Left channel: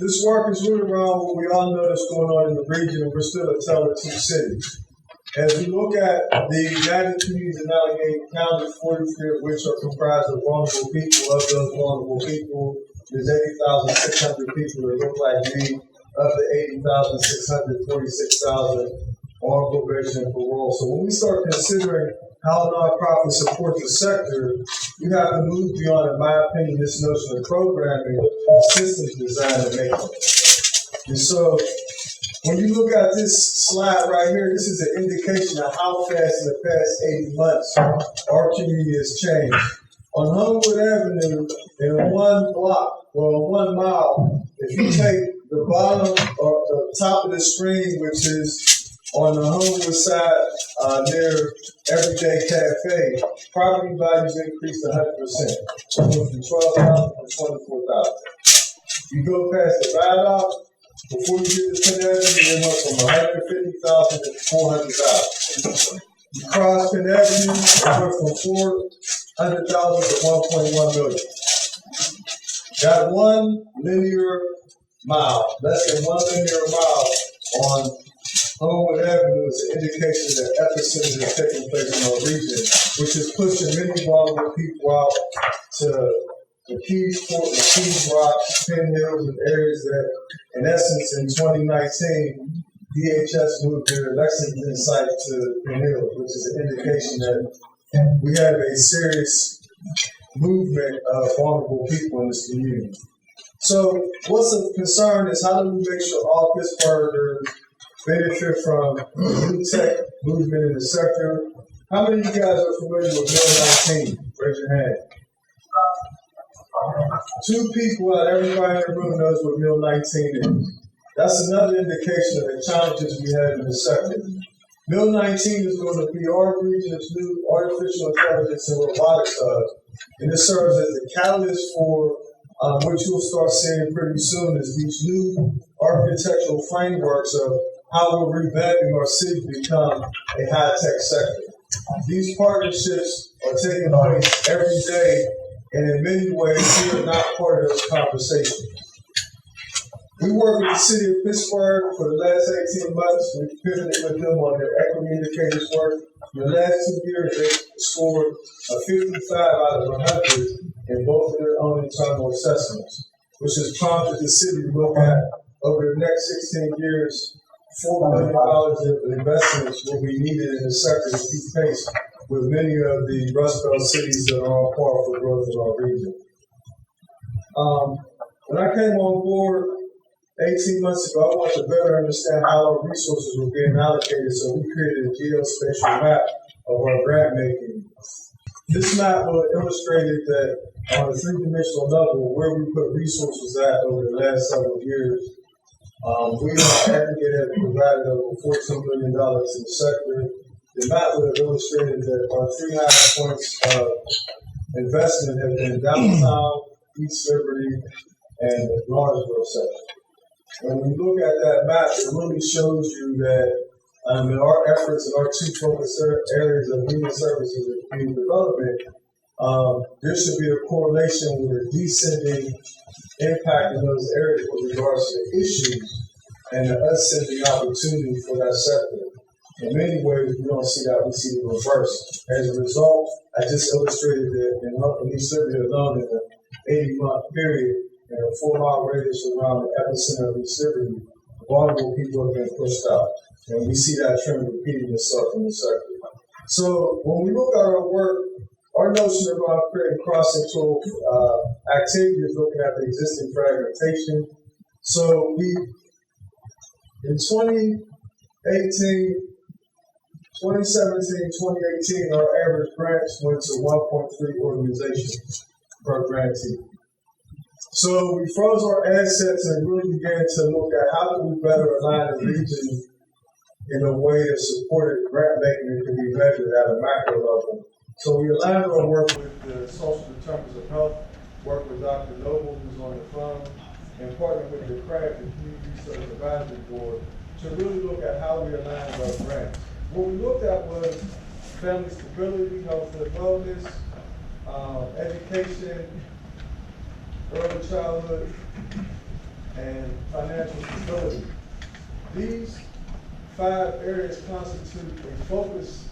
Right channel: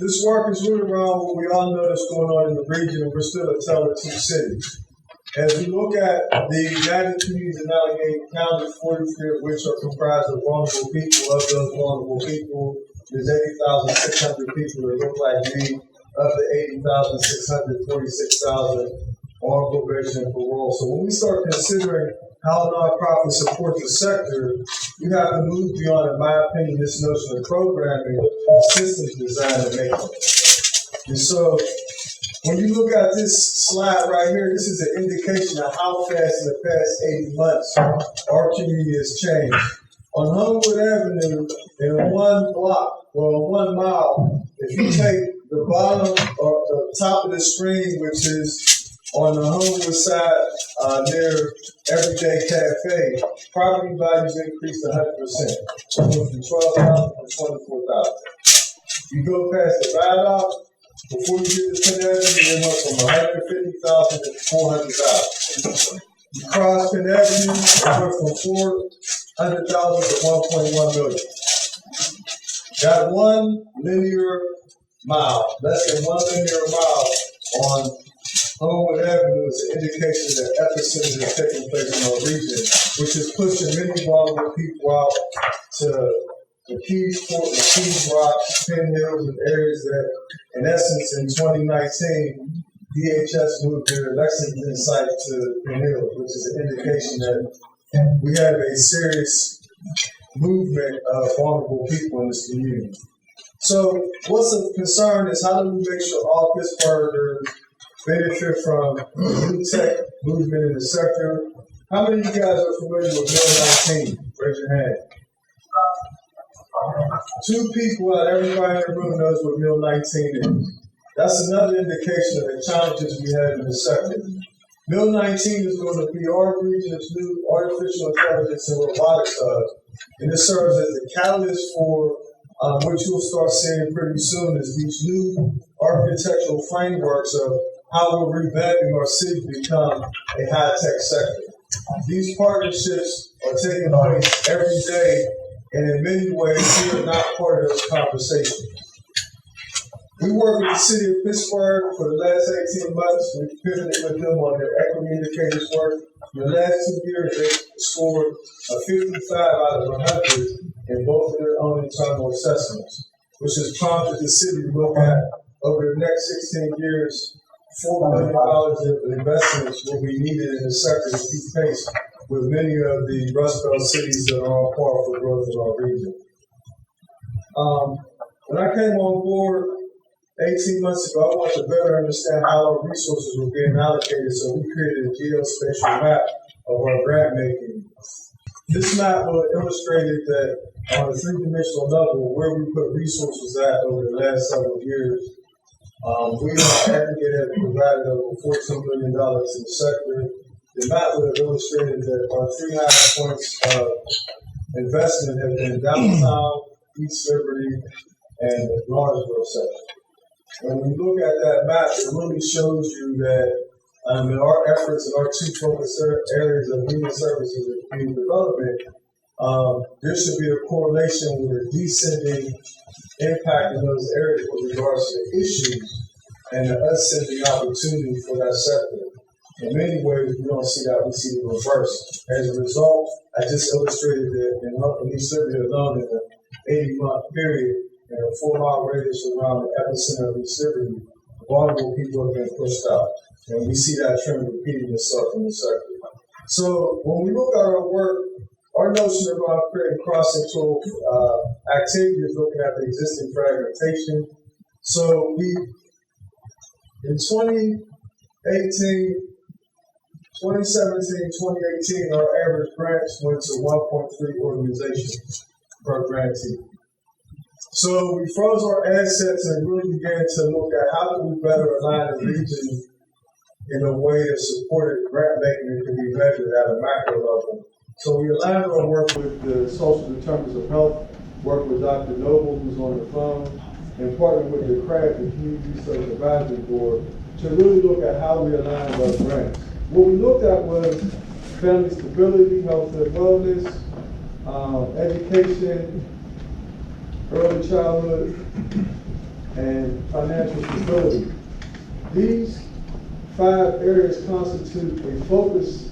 This work is really around what we all know that's going on in the region, and we're still a tale of two cities. As we look at the United Communities in Allegheny County, 43 of which are comprised of vulnerable people, of those vulnerable people, there's 80,600 people that look like me. Of the 80,600, 46,000 on probation and parole. So when we start considering how nonprofits support the sector, you have to move beyond, in my opinion, this notion of programming, systems design, and maintenance. And so when you look at this slide right here, this is an indication of how fast in the past 80 months our community has changed. On Homewood Avenue, in one block, or 1 mile, if you take the bottom or the top of the screen, which is on the Homewood side near Everyday Cafe, property values increased 100%. So it went from 12,000 to 24,000. You go past the Viaduct, before you get to Penn Avenue, it went from 150,000 to 400,000. You cross Penn Avenue, it went from 400,000 to 1.1 million. Got 1 linear mile, less than 1 linear mile on Homewood Avenue is an indication that epicenter is taking place in our region, which is pushing many vulnerable people out to the Keys Fort, the Keys Rocks, Penn Hills, and areas that, in essence, in 2019, DHS moved their Lexington site to Penn Hills, which is an indication that we have a serious movement of vulnerable people in this community. So what's a concern is how do we make sure all Pittsburghers benefit from the new tech movement in the sector? How many of you guys are familiar with Mill 19? Raise your hand. 2 people out of everybody in the room knows what Mill 19 is. That's another indication of the challenges we have in the sector. Mill 19 is going to be our region's new artificial intelligence and robotics hub, and it serves as the catalyst for which you'll start seeing pretty soon is these new architectural frameworks of how we're revamping our city to become a high-tech sector. These partnerships are taking place every day, and in many ways, we are not part of those conversations. We work with the city of Pittsburgh for the last 18 months. We pivoted with them on their equity indicators work. In the last 2 years, they scored a 55 out of 100 in both of their own internal assessments, which has prompted the city to look at, over the next 16 years, $4 billion of investments will be needed in the sector to keep pace with many of the Rust Belt cities that are on par for growth in our region. When I came on board 18 months ago, I wanted to better understand how our resources were being allocated, so we created a geospatial map of our grant making. This map illustrated that on a 3-dimensional level where we put resources at over the last several years. We in aggregate have provided over $14 million to the sector. The map would have illustrated that our 3 highest points of investment have been downtown, East Liberty, and the Lawrenceville sector. When you look at that map, it really shows you that in our efforts and our 2 focus areas of human services and community development, there should be a correlation with a descending impact in those areas with regards to the issues and the ascending opportunity for that sector. In many ways, we don't see that, we see the reverse. As a result, I just illustrated that in East Liberty alone, in an 80-month period, in a 4-mile radius around the epicenter of East Liberty, vulnerable people have been pushed out. And we see that trend repeating itself in the sector. So when we look at our work, our notion of creating cross-sectoral activity is looking at the existing fragmentation. So in 2017, 2018, our average grants went to 1.3 organizations per grantee. So we froze our assets and really began to look at how do we better align the region in a way that supported grant making that can be measured at a macro level. So we aligned our work with the social determinants of health, worked with Dr. Noble, who's on the phone, and partnered with the CRAD, the Community Research Advisory Board, to really look at how we aligned our grants. What we looked at was family stability, health and wellness, education, early childhood, and financial stability. These 5 areas constitute a focus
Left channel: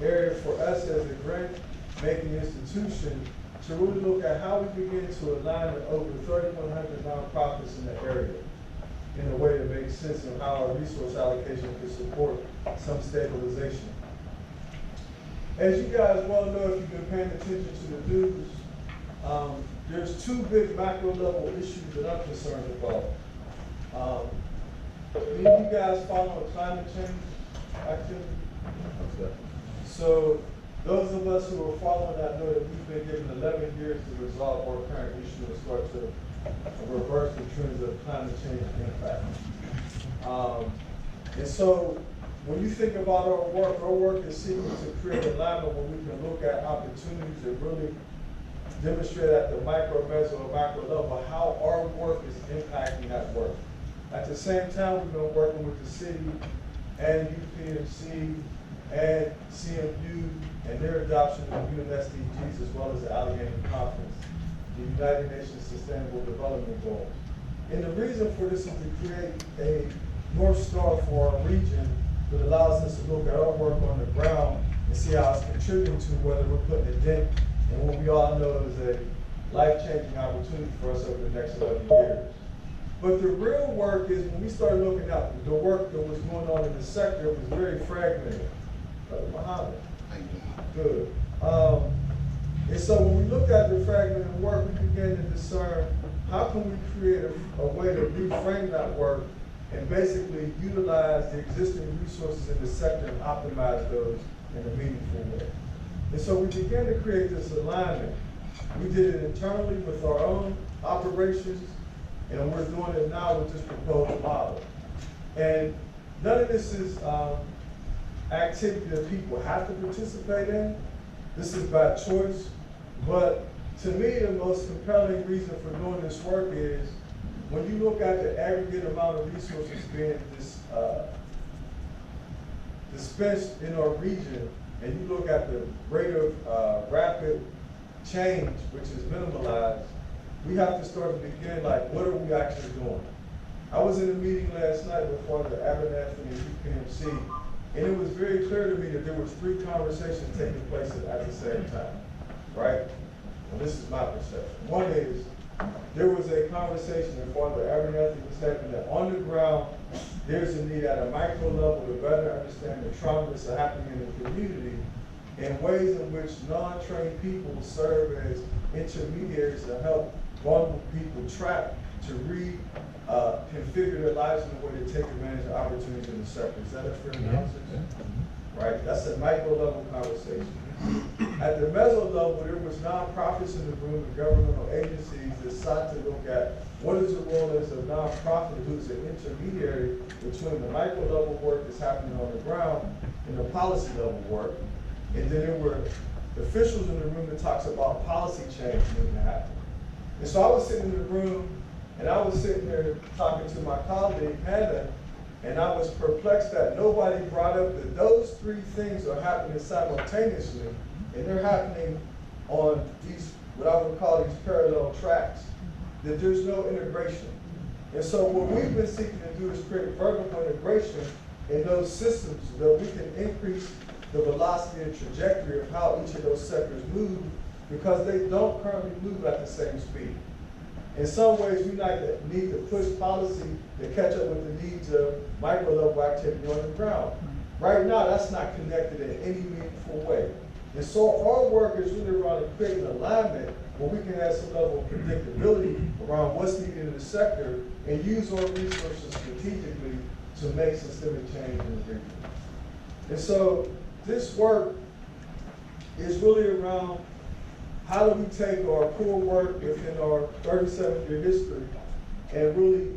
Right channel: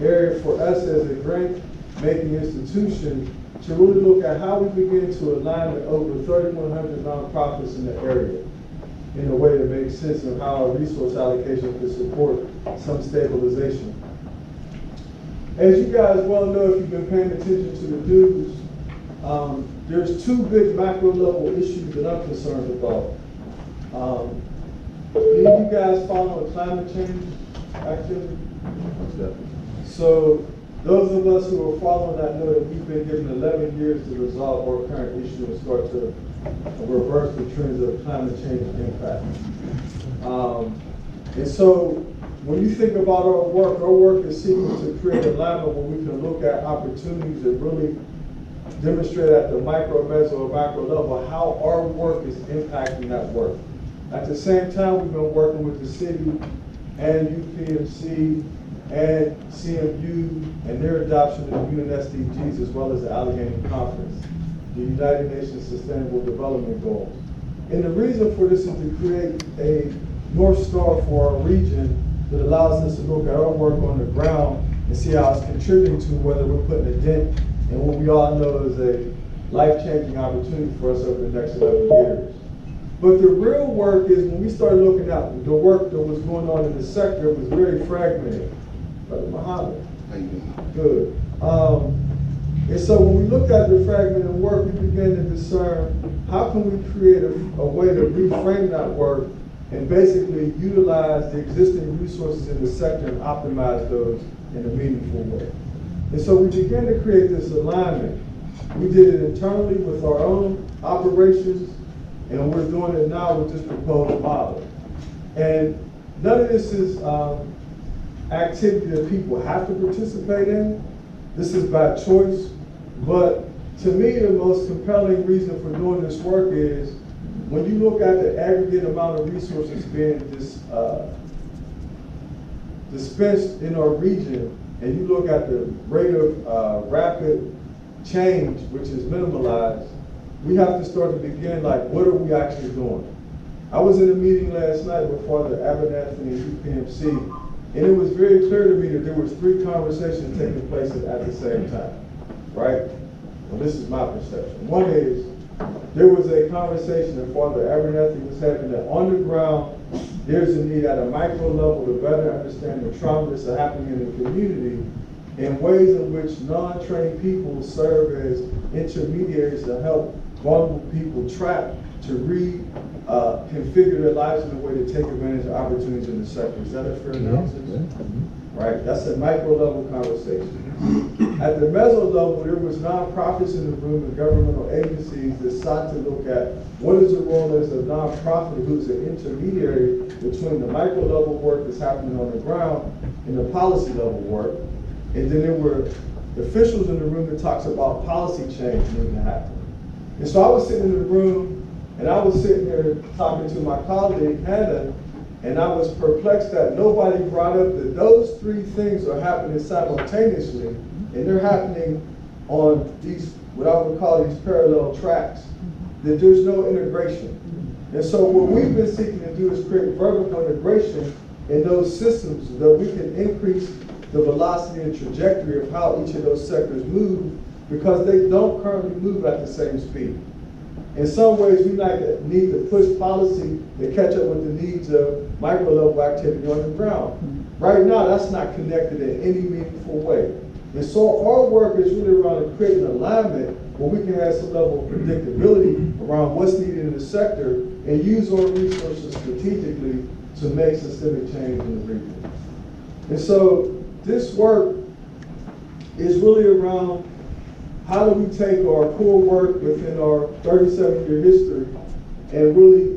area for us as a grant-making institution to really look at how we begin to align with over 3,100 nonprofits in the area in a way that makes sense of how our resource allocation could support some stabilization. As you guys well know, if you've been paying attention to the news, there's 2 big macro level issues that I'm concerned about. Any of you guys follow climate change activity? So those of us who are following that know that we've been given 11 years to resolve our current issue and start to reverse the trends of climate change impact. And so when you think about our work is seeking to create alignment where we can look at opportunities that really demonstrate at the micro, meso, or macro level how our work is impacting that work. At the same time, we've been working with the city and UPMC and CMU and their adoption of the UN SDGs as well as the Allegheny Conference, the United Nations Sustainable Development Goals. And the reason for this is to create a North Star for our region that allows us to look at our work on the ground and see how it's contributing to whether we're putting a dent in what we all know is a life-changing opportunity for us over the next 11 years. But the real work is when we started looking at the work that was going on in the sector, it was very fragmented. Brother Muhammad. How you doing? Good. And so when we looked at the fragmented work, we began to discern how can we create a way to reframe that work and basically utilize the existing resources in the sector and optimize those in a meaningful way. And so we began to create this alignment. We did it internally with our own operations, and we're doing it now with this proposed model. And none of this is activity that people have to participate in. This is by choice. But to me, the most compelling reason for doing this work is when you look at the aggregate amount of resources being dispensed in our region, and you look at the rate of rapid change, which is minimalized, we have to start to begin like, what are we actually doing? I was in a meeting last night with Father Abernathy and UPMC, and it was very clear to me that there was 3 conversations taking place at the same time, right? Well, this is my perception. One is, there was a conversation that Father Abernathy was having that on the ground, there's a need at a micro level to better understand the trauma that's happening in the community in ways in which non-trained people serve as intermediaries to help vulnerable people trapped to reconfigure their lives in a way to take advantage of opportunities in the sector. Is that a fair analysis? Right, that's a micro level conversation. At the meso level, there was nonprofits in the room and governmental agencies that sought to look at what is the role as a nonprofit who's an intermediary between the micro level work that's happening on the ground and the policy level work. And then there were officials in the room that talks about policy change needing to happen. And so I was sitting in the room and I was sitting there talking to my colleague, Hannah, and I was perplexed that nobody brought up that those 3 things are happening simultaneously, and they're happening on these, what I would call these parallel tracks, that there's no integration. And so what we've been seeking to do is create vertical integration in those systems so that we can increase the velocity and trajectory of how each of those sectors move, because they don't currently move at the same speed. In some ways, we need to push policy to catch up with the needs of micro level activity on the ground. Right now, that's not connected in any meaningful way. And so our work is really around creating alignment where we can have some level of predictability around what's needed in the sector and use our resources strategically to make systemic change in the region. And so this work is really around how do we take our core work within our 37-year history and really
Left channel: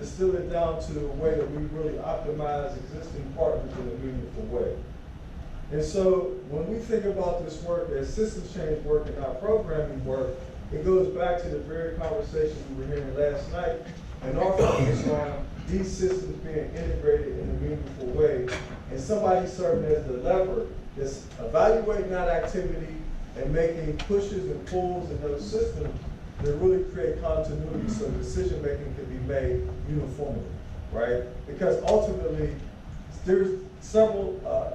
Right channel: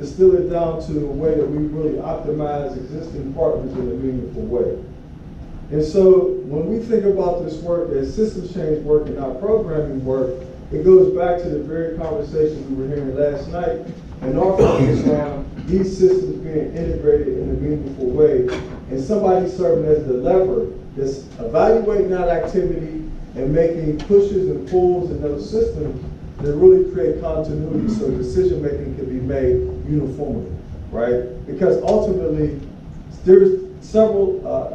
distill it down to a way that we really optimize existing partners in a meaningful way. And so when we think about this work as systems change work and not programming work, it goes back to the very conversation we were hearing last night and our focus on these systems being integrated in a meaningful way and somebody serving as the lever that's evaluating that activity and making pushes and pulls in those systems to really create continuity so decision making can be made uniformly, right? Because ultimately, there's several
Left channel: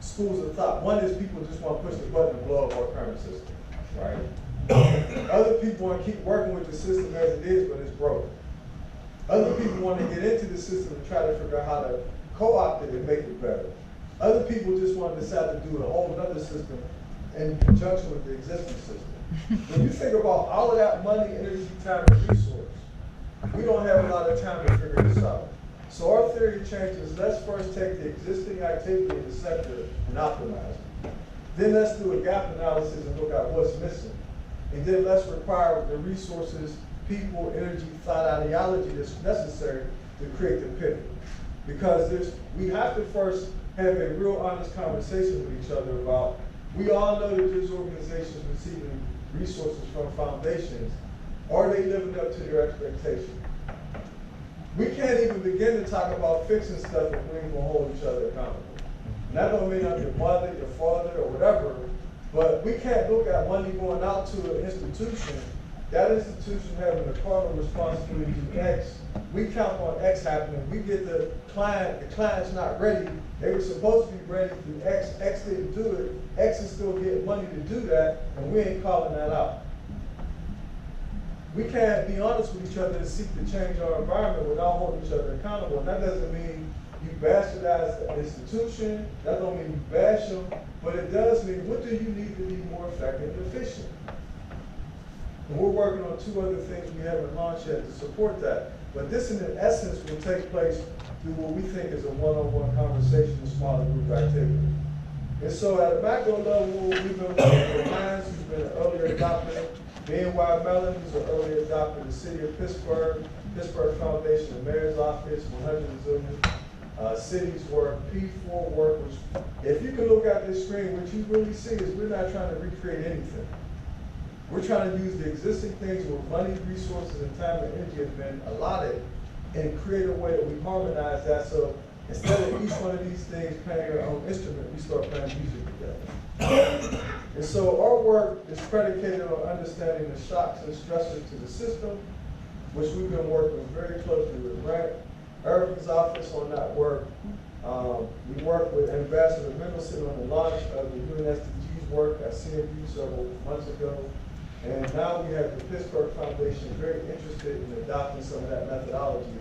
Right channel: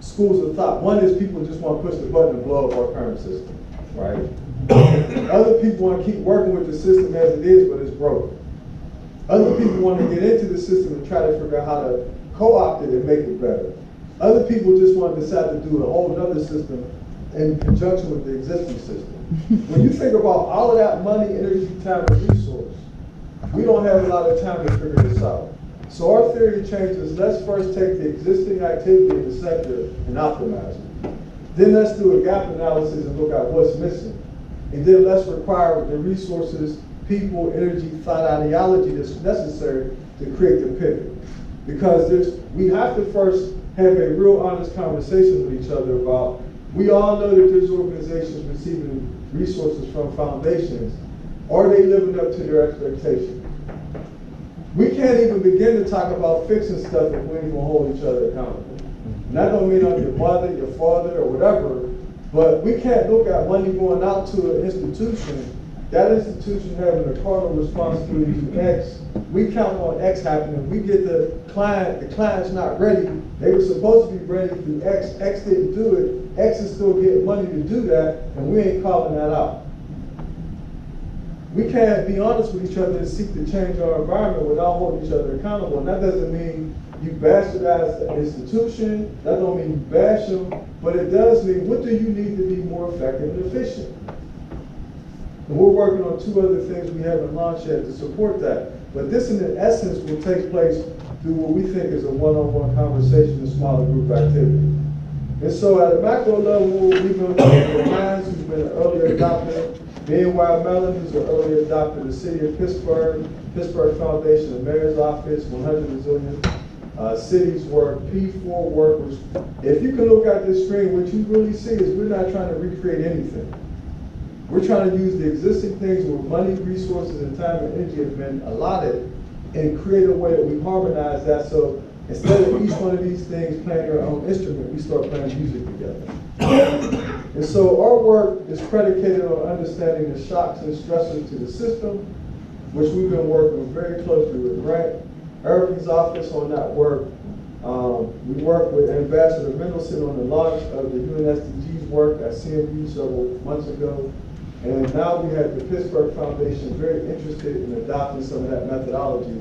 schools of thought. One is people just want to push the button and blow up our current system, right? Other people want to keep working with the system as it is, but it's broken. Other people want to get into the system and try to figure out how to co-opt it and make it better. Other people just want to decide to do a whole other system in conjunction with the existing system. When you think about all of that money, energy, time, and resource, we don't have a lot of time to figure this out. So our theory of change is let's first take the existing activity in the sector and optimize it. Then let's do a gap analysis and look at what's missing. And then let's require the resources, people, energy, thought, ideology that's necessary to create the pivot. Because we have to first have a real honest conversation with each other about, we all know that there's organizations receiving resources from foundations. Are they living up to their expectations? We can't even begin to talk about fixing stuff if we ain't gonna hold each other accountable. And that don't mean I'm your mother, your father, or whatever, but we can't look at money going out to an institution, that institution having a cardinal responsibility to X. We count on X happening. We get the client's not ready. They were supposed to be ready through X. X didn't do it. X is still getting money to do that, and we ain't calling that out. We can't be honest with each other and seek to change our environment without holding each other accountable. And that doesn't mean you bastardize the institution. That don't mean you bash them. But it does mean, what do you need to be more effective and efficient? And we're working on two other things we haven't launched yet to support that. But this, in essence, will take place through what we think is a one-on-one conversation and smaller group activity. And so at a macro level, we've been working with Mines, who's been an earlier adopter, BNY Mellon, who's an earlier adopter, the City of Pittsburgh, Pittsburgh Foundation, the Mayor's Office, 100 Resilient Cities work, P4 work, which, if you can look at this screen, what you really see is we're not trying to recreate anything. We're trying to use the existing things where money, resources, and time and energy have been allotted and create a way that we harmonize that, so instead of each one of these things playing their own instrument, we start playing music together. And so our work is predicated on understanding the shocks and stressors to the system, which we've been working very closely with Grant Irving's office on that work. We worked with Ambassador Mendelson on the launch of the UNSDG's work at CMU several months ago. And now we have the Pittsburgh Foundation very interested in adopting some of that methodology,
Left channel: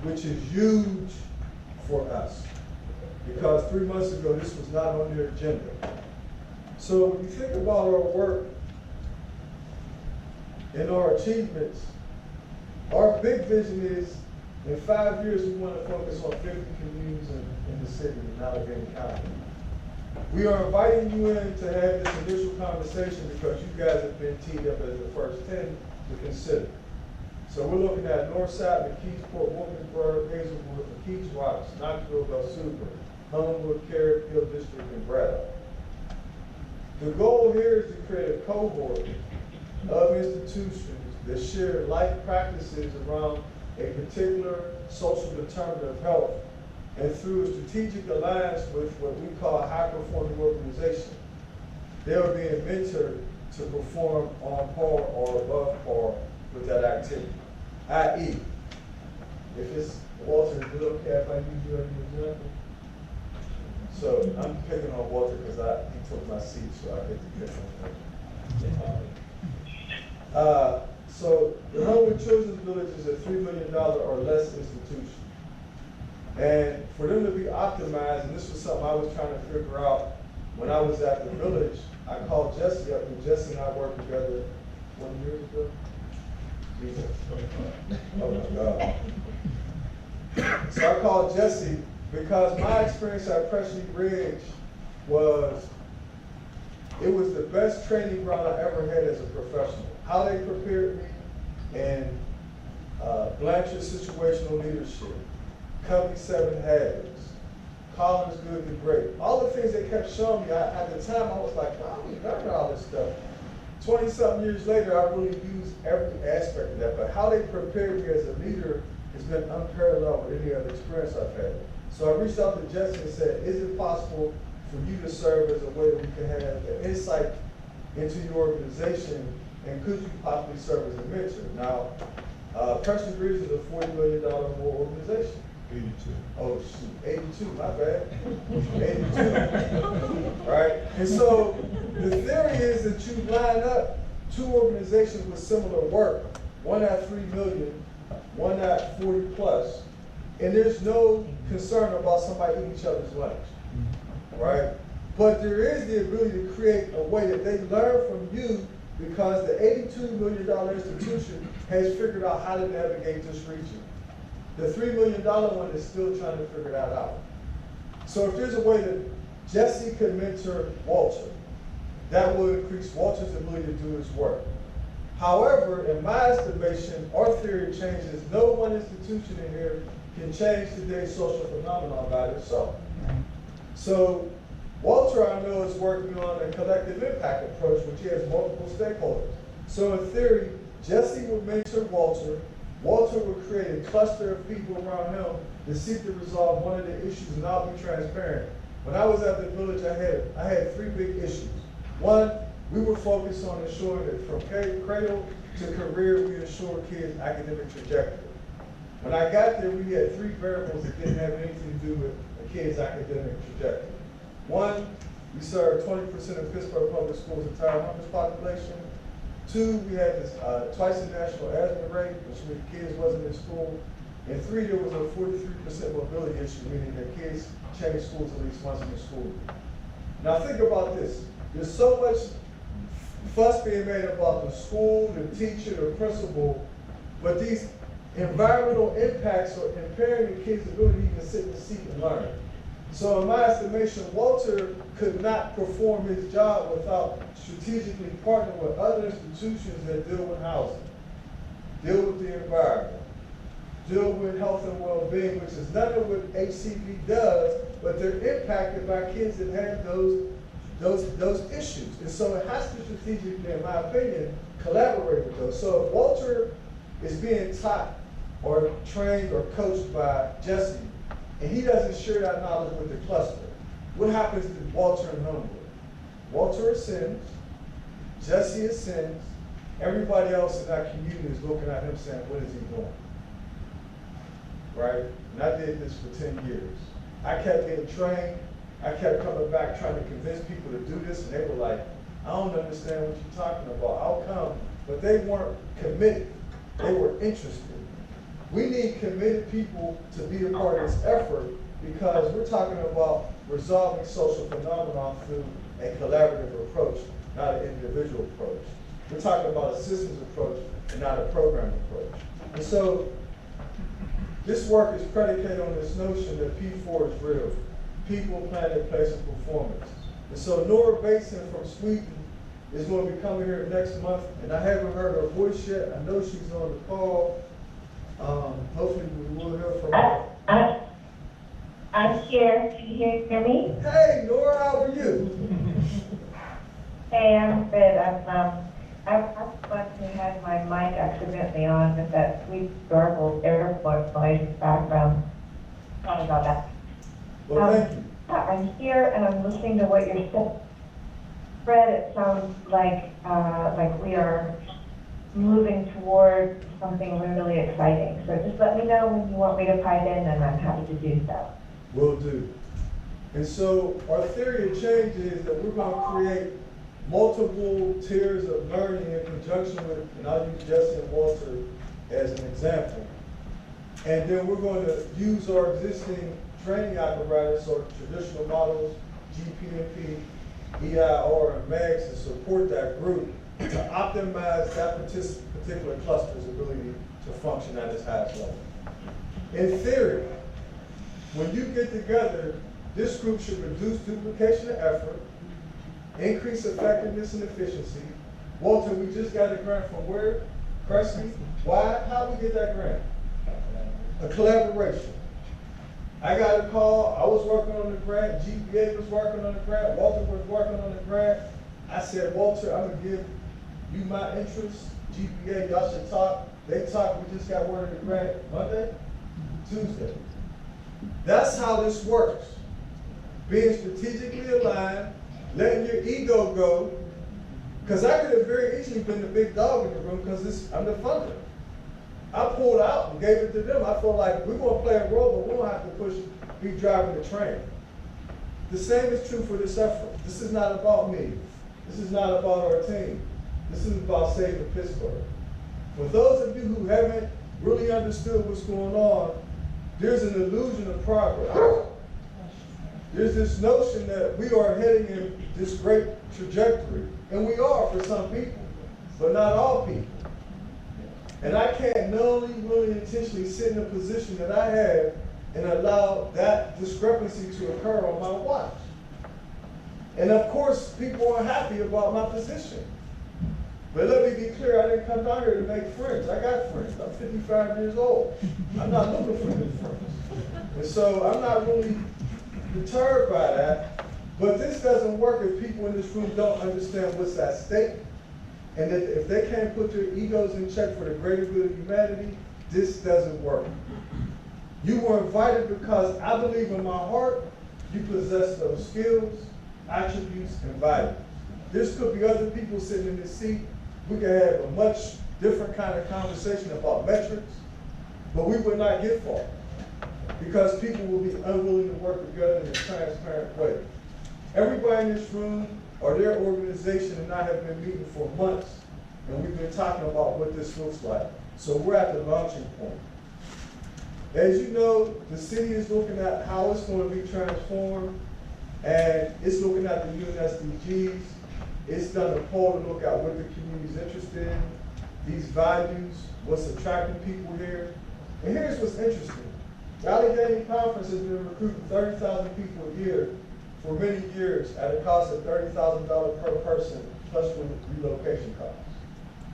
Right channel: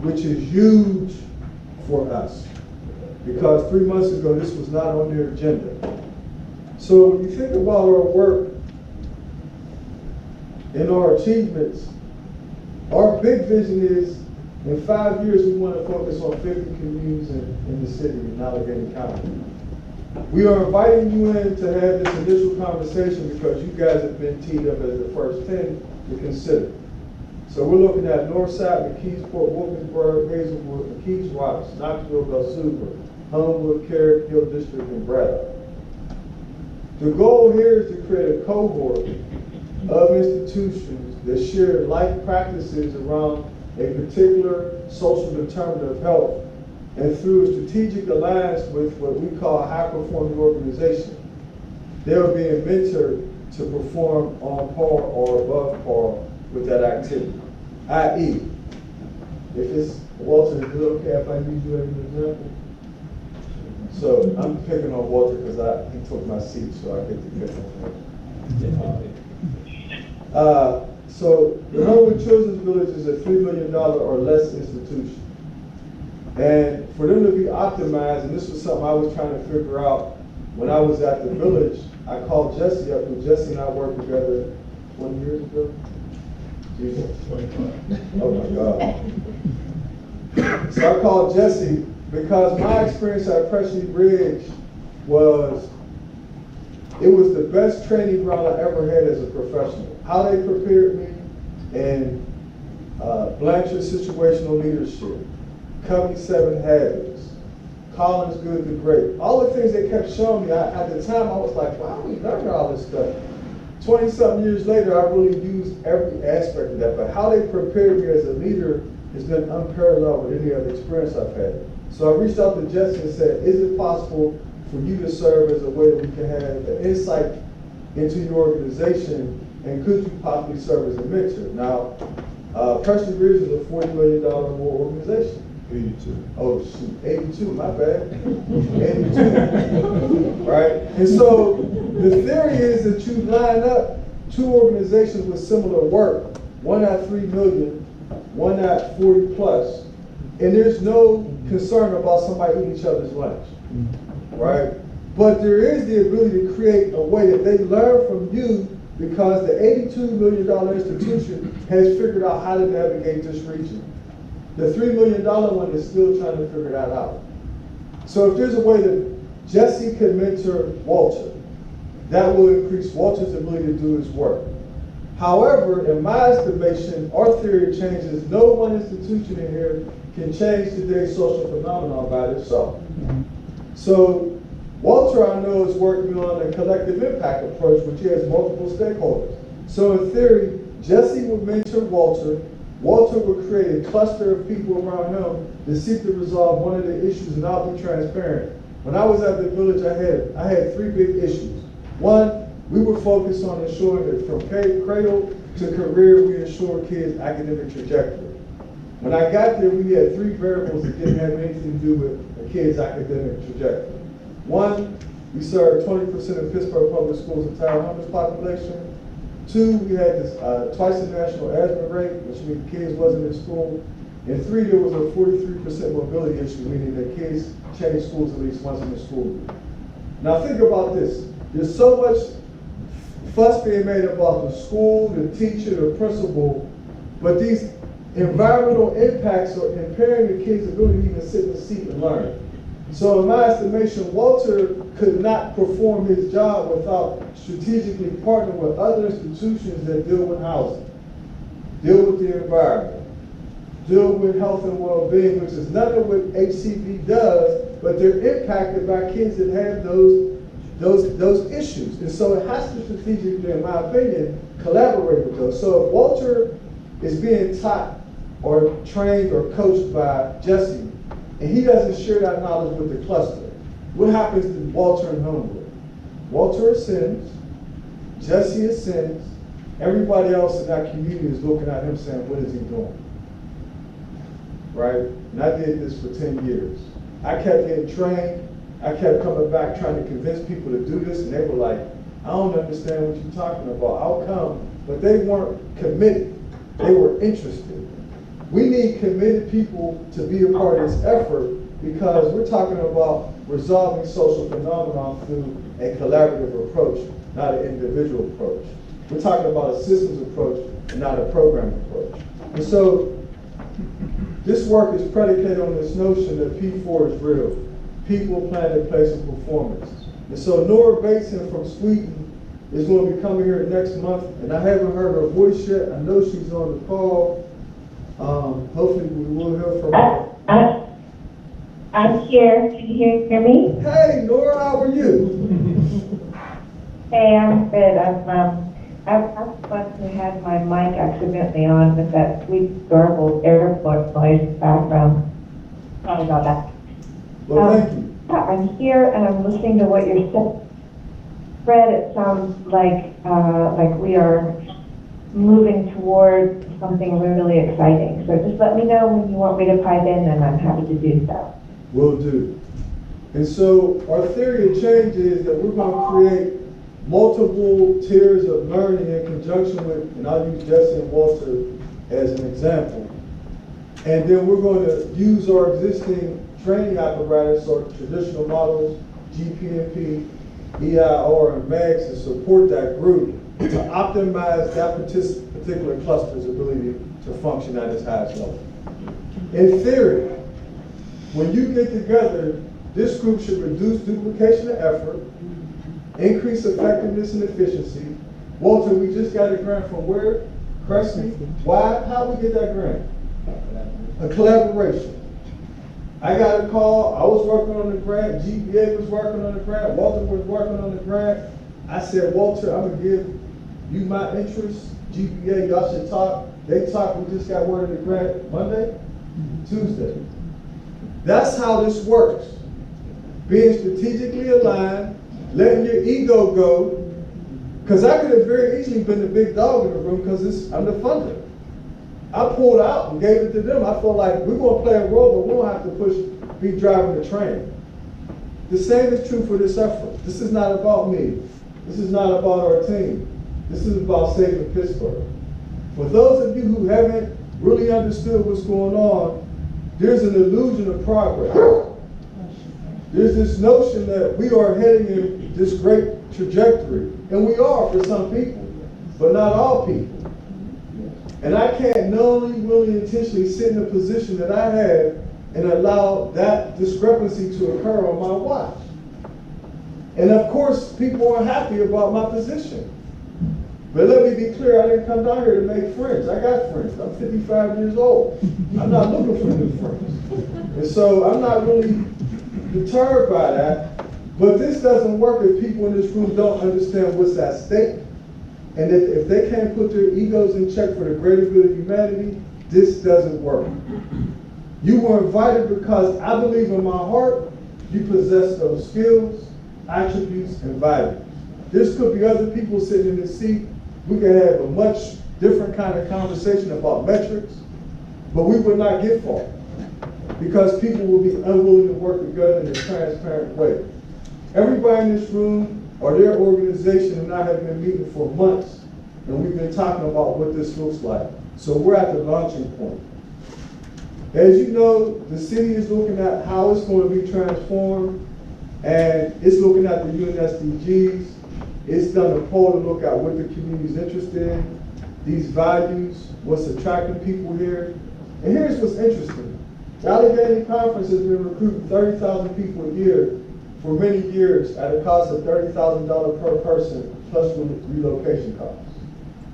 which is huge for us. Because 3 months ago, this was not on their agenda. So when you think about our work and our achievements, our big vision is, in 5 years, we want to focus on 50 communities in the city in Allegheny County. We are inviting you in to have this initial conversation because you guys have been teed up as the first 10 to consider. So we're looking at Northside, McKeesport, Wilkinsburg, Hazelwood, McKees Rocks, Knoxville, Belsuva, Homewood, Carrick, Hill District, and Braddock. The goal here is to create a cohort of institutions that share like practices around a particular social determinant of health, and through a strategic alliance with what we call high-performing organization, they are being mentored to perform on par or above par with that activity. I.e., if it's, Walter, is it okay if I use you as an example? So I'm picking on Walter because he took my seat, so I get to pick on him. So the Homewood Children's Village is a $3 million or less institution. And for them to be optimized, and this was something I was trying to figure out when I was at the village, I called Jesse up, and Jesse and I worked together 20 years ago. Jesus. 25. Oh my God. So I called Jesse because my experience at Pressley Bridge was, it was the best training ground I ever had as a professional. How they prepared me in Blanchard situational leadership, Covey 7 Habits, Collins Good to Great, all the things they kept showing me. At the time, I was like, wow, we learned all this stuff. 20-something years later, I really used every aspect of that, but how they prepared me as a leader has been unparalleled with any other experience I've had. So I reached out to Jesse and said, is it possible for you to serve as a way that we can have an insight into your organization and could you possibly serve as a mentor? Now, Preston Bridge is a $40 million or more organization. 82. Oh shoot, 82, my bad. 82, right? And so the theory is that you line up two organizations with similar work, one at 3 million, one at 40 plus, and there's no concern about somebody eating each other's lunch, right? But there is the ability to create a way that they learn from you because the $82 million institution has figured out how to navigate this region. The $3 million one is still trying to figure that out. So if there's a way that Jesse could mentor Walter, that will increase Walter's ability to do his work. However, in my estimation, our theory of change is no one institution in here can change today's social phenomenon by itself. So Walter, I know, is working on a collective impact approach, which he has multiple stakeholders. So in theory, Jesse would mentor Walter. Walter would create a cluster of people around him to seek to resolve one of the issues, and I'll be transparent. When I was at the village, I had three big issues. One, we were focused on ensuring that from cradle to career, we ensure kids' academic trajectory. When I got there, we had three variables that didn't have anything to do with a kid's academic trajectory. One, we served 20% of Pittsburgh Public Schools' entire homeless population. Two, we had this twice the national asthma rate, which means kids wasn't in school. And three, there was a 43% mobility issue, meaning that kids change schools at least once in the school year. Now think about this. There's so much fuss being made about the school, the teacher, the principal, but these environmental impacts are impairing the kids' ability to even sit in the seat and learn. So in my estimation, Walter could not perform his job without strategically partnering with other institutions that deal with housing, deal with the environment, deal with health and well-being, which is none of what HCV does, but they're impacted by kids that have those issues. And so it has to strategically, in my opinion, collaborate with those. So if Walter is being taught or trained or coached by Jesse, and he doesn't share that knowledge with the cluster, what happens to Walter and Homewood? Walter ascends, Jesse ascends, everybody else in that community is looking at him saying, what is he doing? Right? And I did this for 10 years. I kept getting trained, I kept coming back trying to convince people to do this, and they were like, I don't understand what you're talking about, I'll come. But they weren't committed, they were interested. We need committed people to be a part of this effort because we're talking about resolving social phenomena through a collaborative approach, not an individual approach. We're talking about a systems approach and not a program approach. And so this work is predicated on this notion that P4 is real. People, planet, place, and performance. And so Nora Bateson from Sweden is going to be coming here next month, and I haven't heard her voice yet. I know she's on the call. Hopefully we will hear from her. I'm here. Can you hear me? Hey, Nora, how are you? Hey, I'm good. I've once had my mic accidentally on with that sweet, adorable airport noise background. Sorry about that. Well, thank you. I'm here and I'm listening to what you're saying. Fred, it sounds like we are moving toward something really exciting. So just let me know when you want me to pipe in, and I'm happy to do so. Will do. And so our theory of change is that we're going to create multiple tiers of learning in conjunction with, and I'll use Jesse and Walter as an example. And then we're going to use our existing training apparatus or traditional models, GPMP, EIR, and MAGS to support that group to optimize that particular cluster's ability to function at its highest level. In theory, when you get together, this group should reduce duplication of effort, increase effectiveness and efficiency. Walter, we just got a grant from where? Crespi? Why? How we get that grant? A collaboration. I got a call, I was working on the grant, GPA was working on the grant, Walter was working on the grant. I said, Walter, I'm gonna give you my interest, GPA, y'all should talk. They talked, we just got word of the grant Monday, Tuesday. That's how this works. Being strategically aligned, letting your ego go, Because I could have very easily been the big dog in the room because I'm the funder. I pulled out and gave it to them. I felt like we're going to play a role, but we don't have to be driving the train. The same is true for this effort. This is not about me. This is not about our team. This is about saving Pittsburgh. For those of you who haven't really understood what's going on, there's an illusion of progress. There's this notion that we are heading in this great trajectory, and we are for some people, but not all people. And I can't knowingly, really intentionally sit in a position that I have and allow that discrepancy to occur on my watch. And of course, people aren't happy about my position. But let me be clear, I didn't come down here to make friends. I got friends. I'm 55 years old. I'm not looking for new friends. And so I'm not really deterred by that. But this doesn't work if people in this room don't understand what's at stake. And that if they can't put their egos in check for the greater good of humanity, this doesn't work. You were invited because I believe in my heart you possess those skills, attributes, and values. This could be other people sitting in this seat. We could have a much different kind of conversation about metrics, but we would not get far because people will be unwilling to work together in a transparent way. Everybody in this room or their organization and I have been meeting for months, and we've been talking about what this looks like. So we're at the launching point. As you know, the city is looking at how it's going to be transformed, and it's looking at the UN SDGs. It's done a poll to look at what the community is interested in, these values, what's attracting people here. And here's what's interesting. The Allegheny Conference has been recruiting 30,000 people a year for many years at a cost of $30,000 per person plus relocation costs.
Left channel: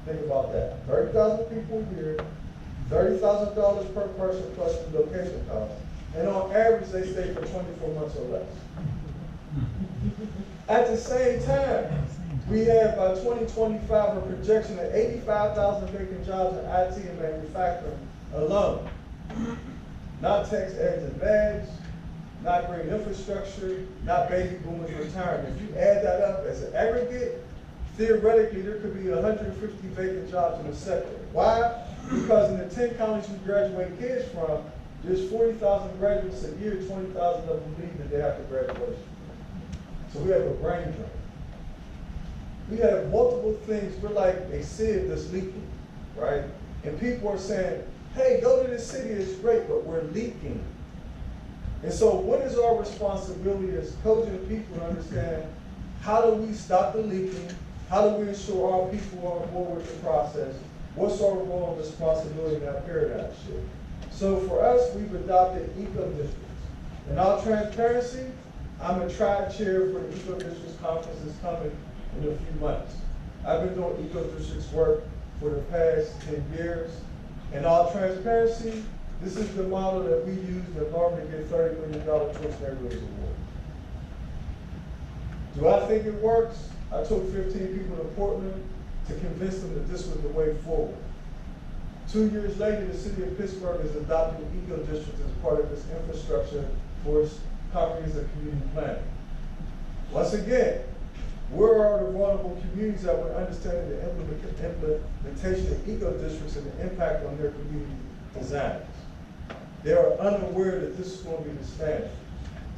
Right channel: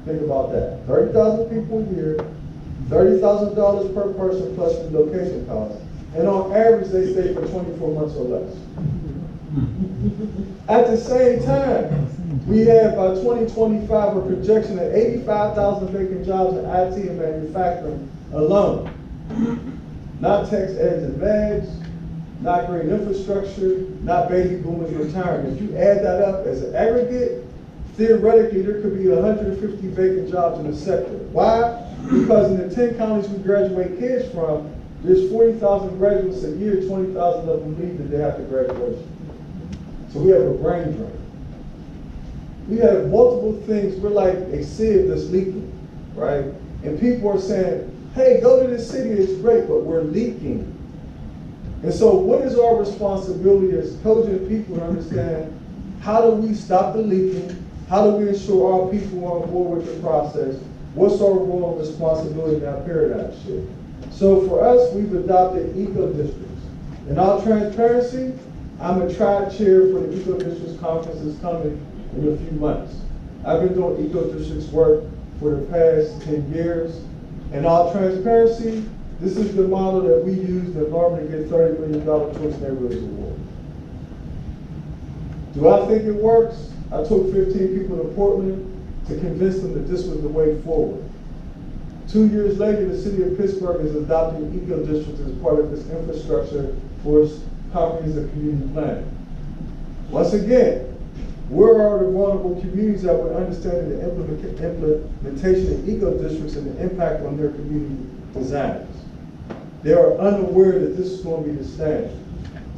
Think about that. 30,000 people a year, $30,000 per person plus relocation costs. And on average, they stay for 24 months or less. At the same time, we have by 2025 a projection of 85,000 vacant jobs in IT and manufacturing alone. Not tax eggs and bags, not green infrastructure, not baby boomers retiring. If you add that up as an aggregate, theoretically there could be 150 vacant jobs in the sector. Why? Because in the 10 counties we graduate kids from, there's 40,000 graduates a year, 20,000 of them leave the day after graduation. So we have a brain drain. We have multiple things. We're like a sieve that's leaking, right? And people are saying, hey, go to this city, it's great, but we're leaking. And so what is our responsibility as cogent people to understand how do we stop the leaking? How do we ensure our people are on board with the process? What's our role and responsibility in that paradigm shift? So for us, we've adopted eco-districts. In all transparency, I'm a tribe chair for the eco-districts conference that's coming in a few months. I've been doing eco-districts work for the past 10 years. In all transparency, this is the model that we use to normally get $30 million towards neighborhoods award. Do I think it works? I took 15 people to Portland to convince them that this was the way forward. 2 years later, the city of Pittsburgh is adopting eco-districts as part of its infrastructure for its comprehensive community planning. Once again, where are the vulnerable communities that would understand the implementation of eco-districts and the impact on their community designs? They are unaware that this is going to be the standard.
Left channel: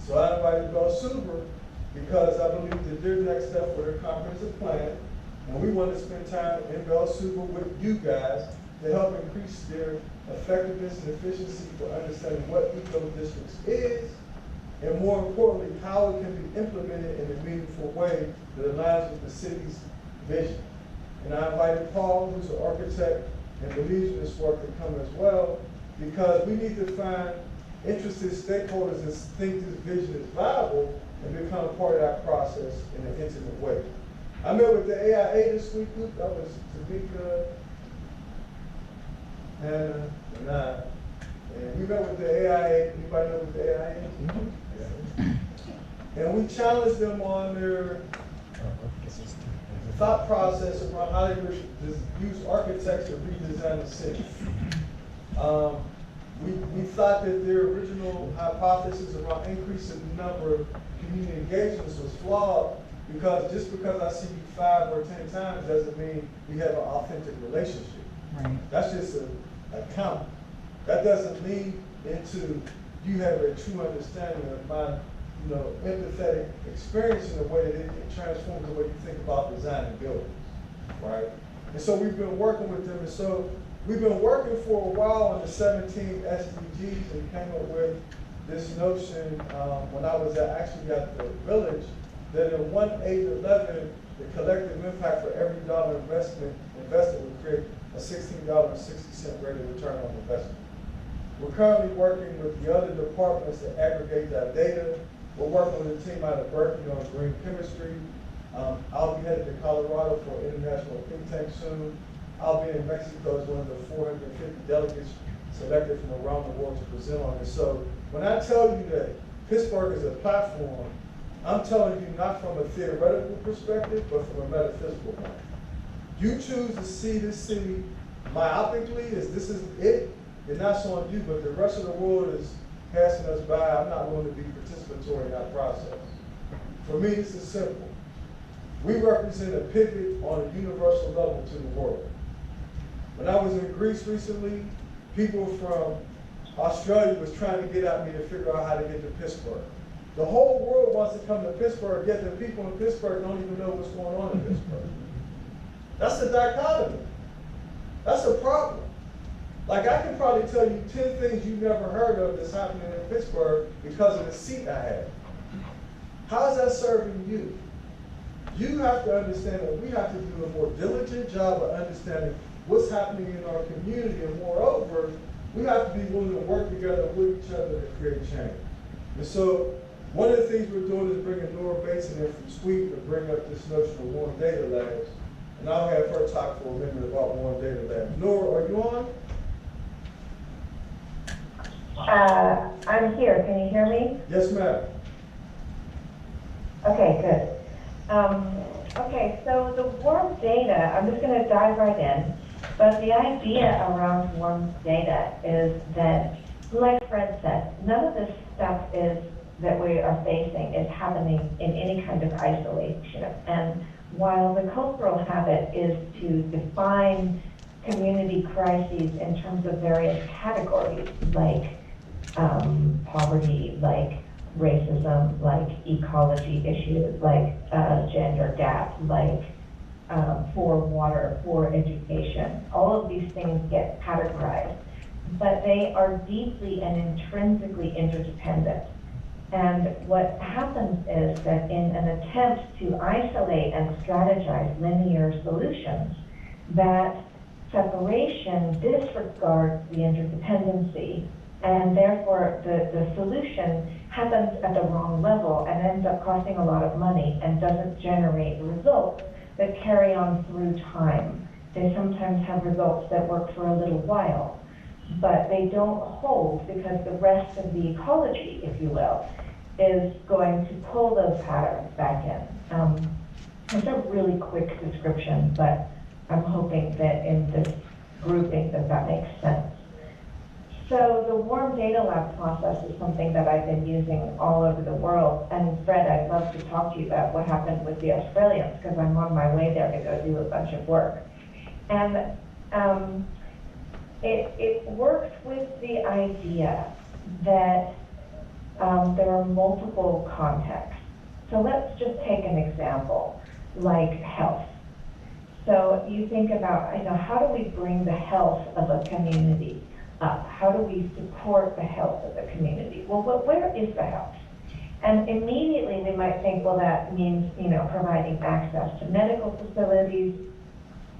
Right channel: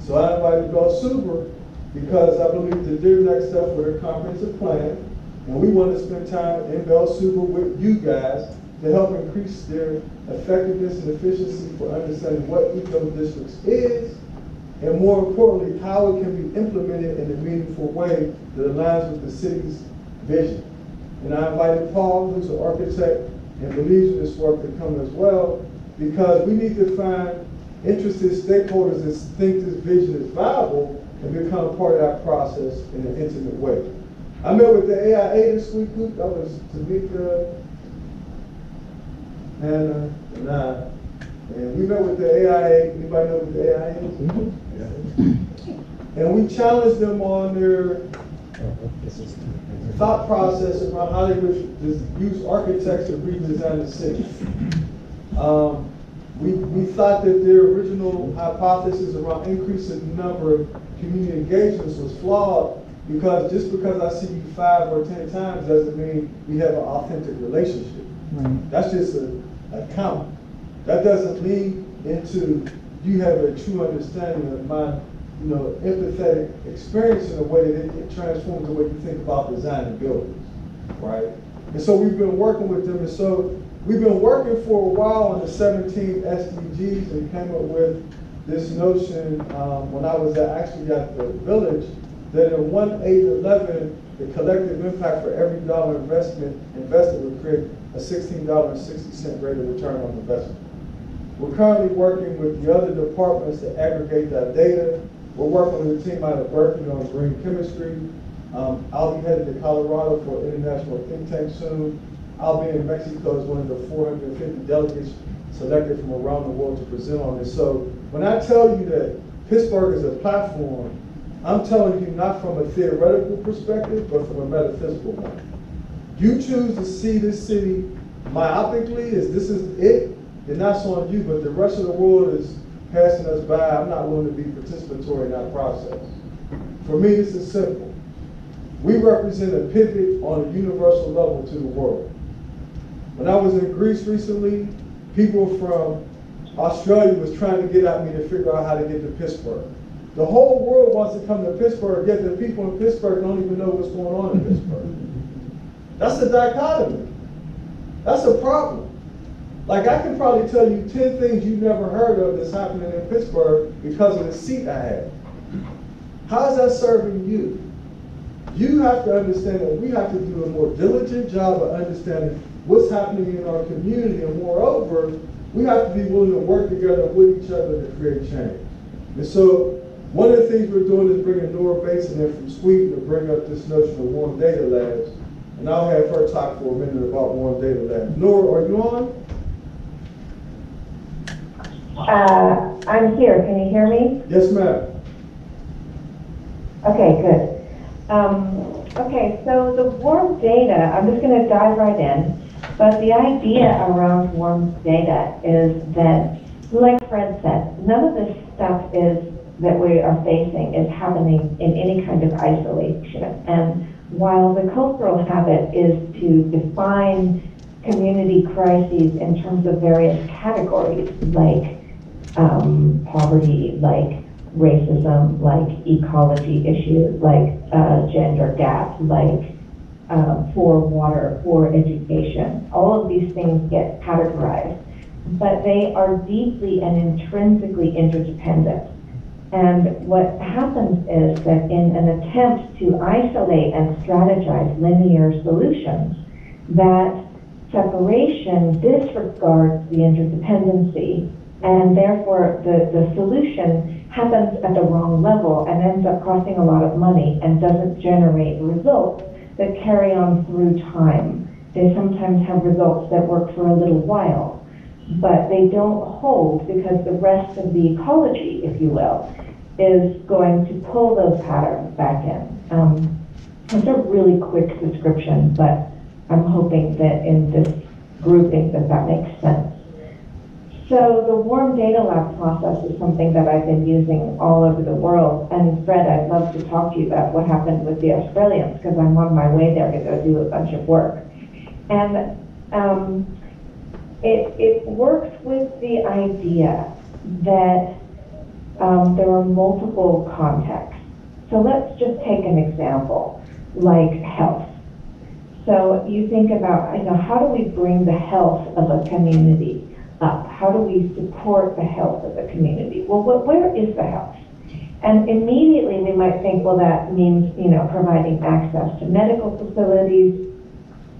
So I invited Bell Super because I believe that their next step for their comprehensive plan, and we want to spend time in Bell Super with you guys to help increase their effectiveness and efficiency for understanding what eco-districts is, and more importantly, how it can be implemented in a meaningful way that aligns with the city's vision. And I invited Paul, who's an architect and believes in this work, to come as well, because we need to find interested stakeholders that think this vision is viable and become part of that process in an intimate way. I met with the AIA this week. That was Tamika, Hannah, and I. And we met with the AIA. Anybody know what the AIA is? Mm-hmm. Yeah. And we challenged them on their thought process around how they would use architects to redesign the city. We thought that their original hypothesis around increasing the number of community engagements was flawed Because just because I see you 5 or 10 times doesn't mean we have an authentic relationship. Right. That's just a count. That doesn't lead into you have a true understanding of my, empathetic experience in a way that it transforms the way you think about designing buildings, right? And so we've been working with them, and so we've been working for a while on the 17 SDGs and came up with this notion when I was actually at the village, that in 1, 8, 11, the collective impact for every dollar invested would create a $16.60 rate of return on investment. We're currently working with the other departments to aggregate that data. We're working with a team out of Berkeley on green chemistry. I'll be headed to Colorado for an international think tank soon. I'll be in Mexico as one of the 450 delegates selected from around the world to present on this. So when I tell you that Pittsburgh is a platform, I'm telling you not from a theoretical perspective, but from a metaphysical one. You choose to see this city myopically as this is it, and that's on you, but the rest of the world is passing us by. I'm not willing to be participatory in that process. For me, this is simple. We represent a pivot on a universal level to the world. When I was in Greece recently, people from Australia was trying to get at me to figure out how to get to Pittsburgh. The whole world wants to come to Pittsburgh, yet the people in Pittsburgh don't even know what's going on in Pittsburgh. That's a dichotomy. That's a problem. Like, I can probably tell you 10 things you've never heard of that's happening in Pittsburgh because of the seat I have. How's that serving you? You have to understand that we have to do a more diligent job of understanding what's happening in our community, and moreover, we have to be willing to work together with each other to create change. And so, one of the things we're doing is bringing Nora Basin in from Sweden to bring up this notion of warm data labs. And I'll have her talk for a minute about warm data labs. Nora, are you on? I'm here. Can you hear me? Yes, ma'am. Okay, good. Okay, so the warm data, I'm just going to dive right in. But the idea around warm data is that, like Fred said, none of this stuff that we are facing is happening in any kind of isolation. And while the cultural habit is to define community crises in terms of various categories, like poverty, like racism, like ecology issues, like gender gaps, like poor water, poor education. All of these things get categorized, but they are deeply and intrinsically interdependent. And what happens is that in an attempt to isolate and strategize linear solutions, that separation disregards the interdependency, and therefore the solution happens at the wrong level and ends up costing a lot of money and doesn't generate results that carry on through time. They sometimes have results that work for a little while, but they don't hold because the rest of the ecology, if you will, is going to pull those patterns back in. It's a really quick description, but I'm hoping that in this grouping that makes sense. So the warm data lab process is something that I've been using all over the world. And Fred, I'd love to talk to you about what happened with the Australians, because I'm on my way there to go do a bunch of work. And it works with the idea that there are multiple contexts. So let's just take an example, like health. So you think about, how do we bring the health of a community up? How do we support the health of the community? Well, where is the health? And immediately we might think, well, that means, providing access to medical facilities,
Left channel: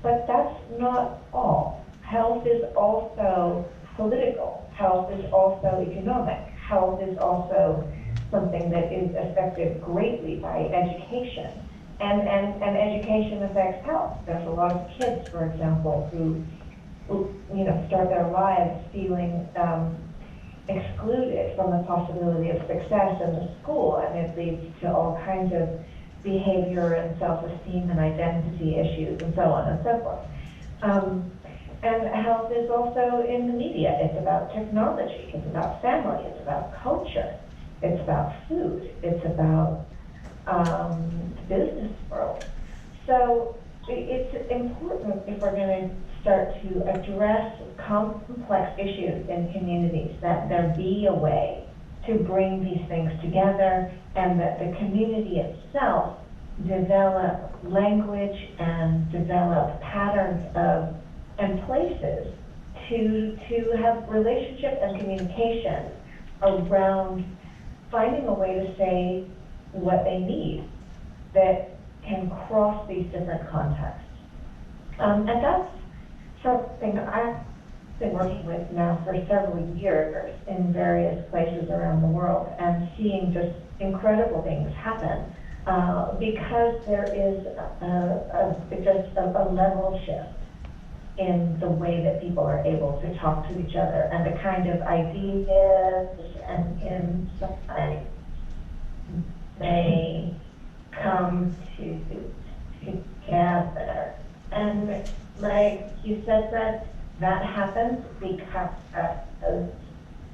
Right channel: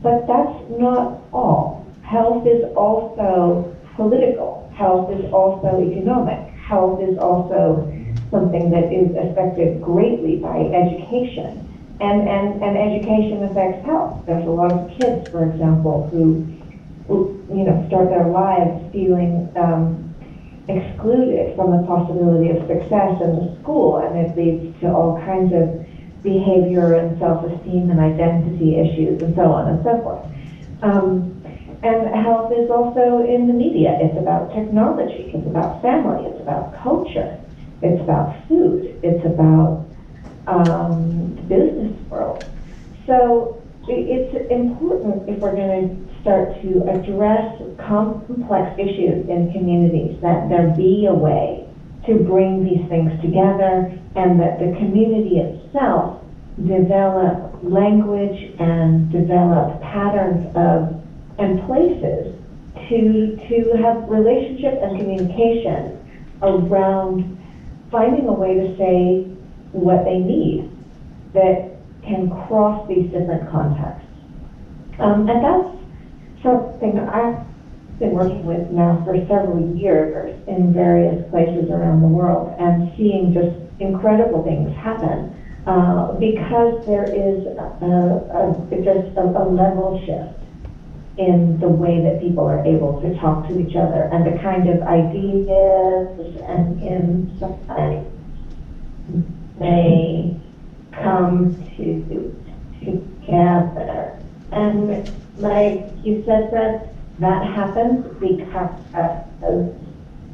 but that's not all. Health is also political. Health is also economic. Health is also something that is affected greatly by education. And education affects health. There's a lot of kids, for example, who start their lives feeling excluded from the possibility of success in the school, and it leads to all kinds of behavior and self-esteem and identity issues and so on and so forth. And health is also in the media. It's about technology, it's about family, it's about culture, it's about food, it's about business world. So it's important, if we're going to start to address complex issues in communities, that there be a way to bring these things together, and that the community itself develop language and develop patterns of and places to have relationship and communication around finding a way to say what they need that can cross these different contexts. And that's something I've been working with now for several years in various places around the world, and seeing just incredible things happen because there is just a level shift in the way that people are able to talk to each other, and the kind of ideas and insights they come together. And like you said, Fred, that happens because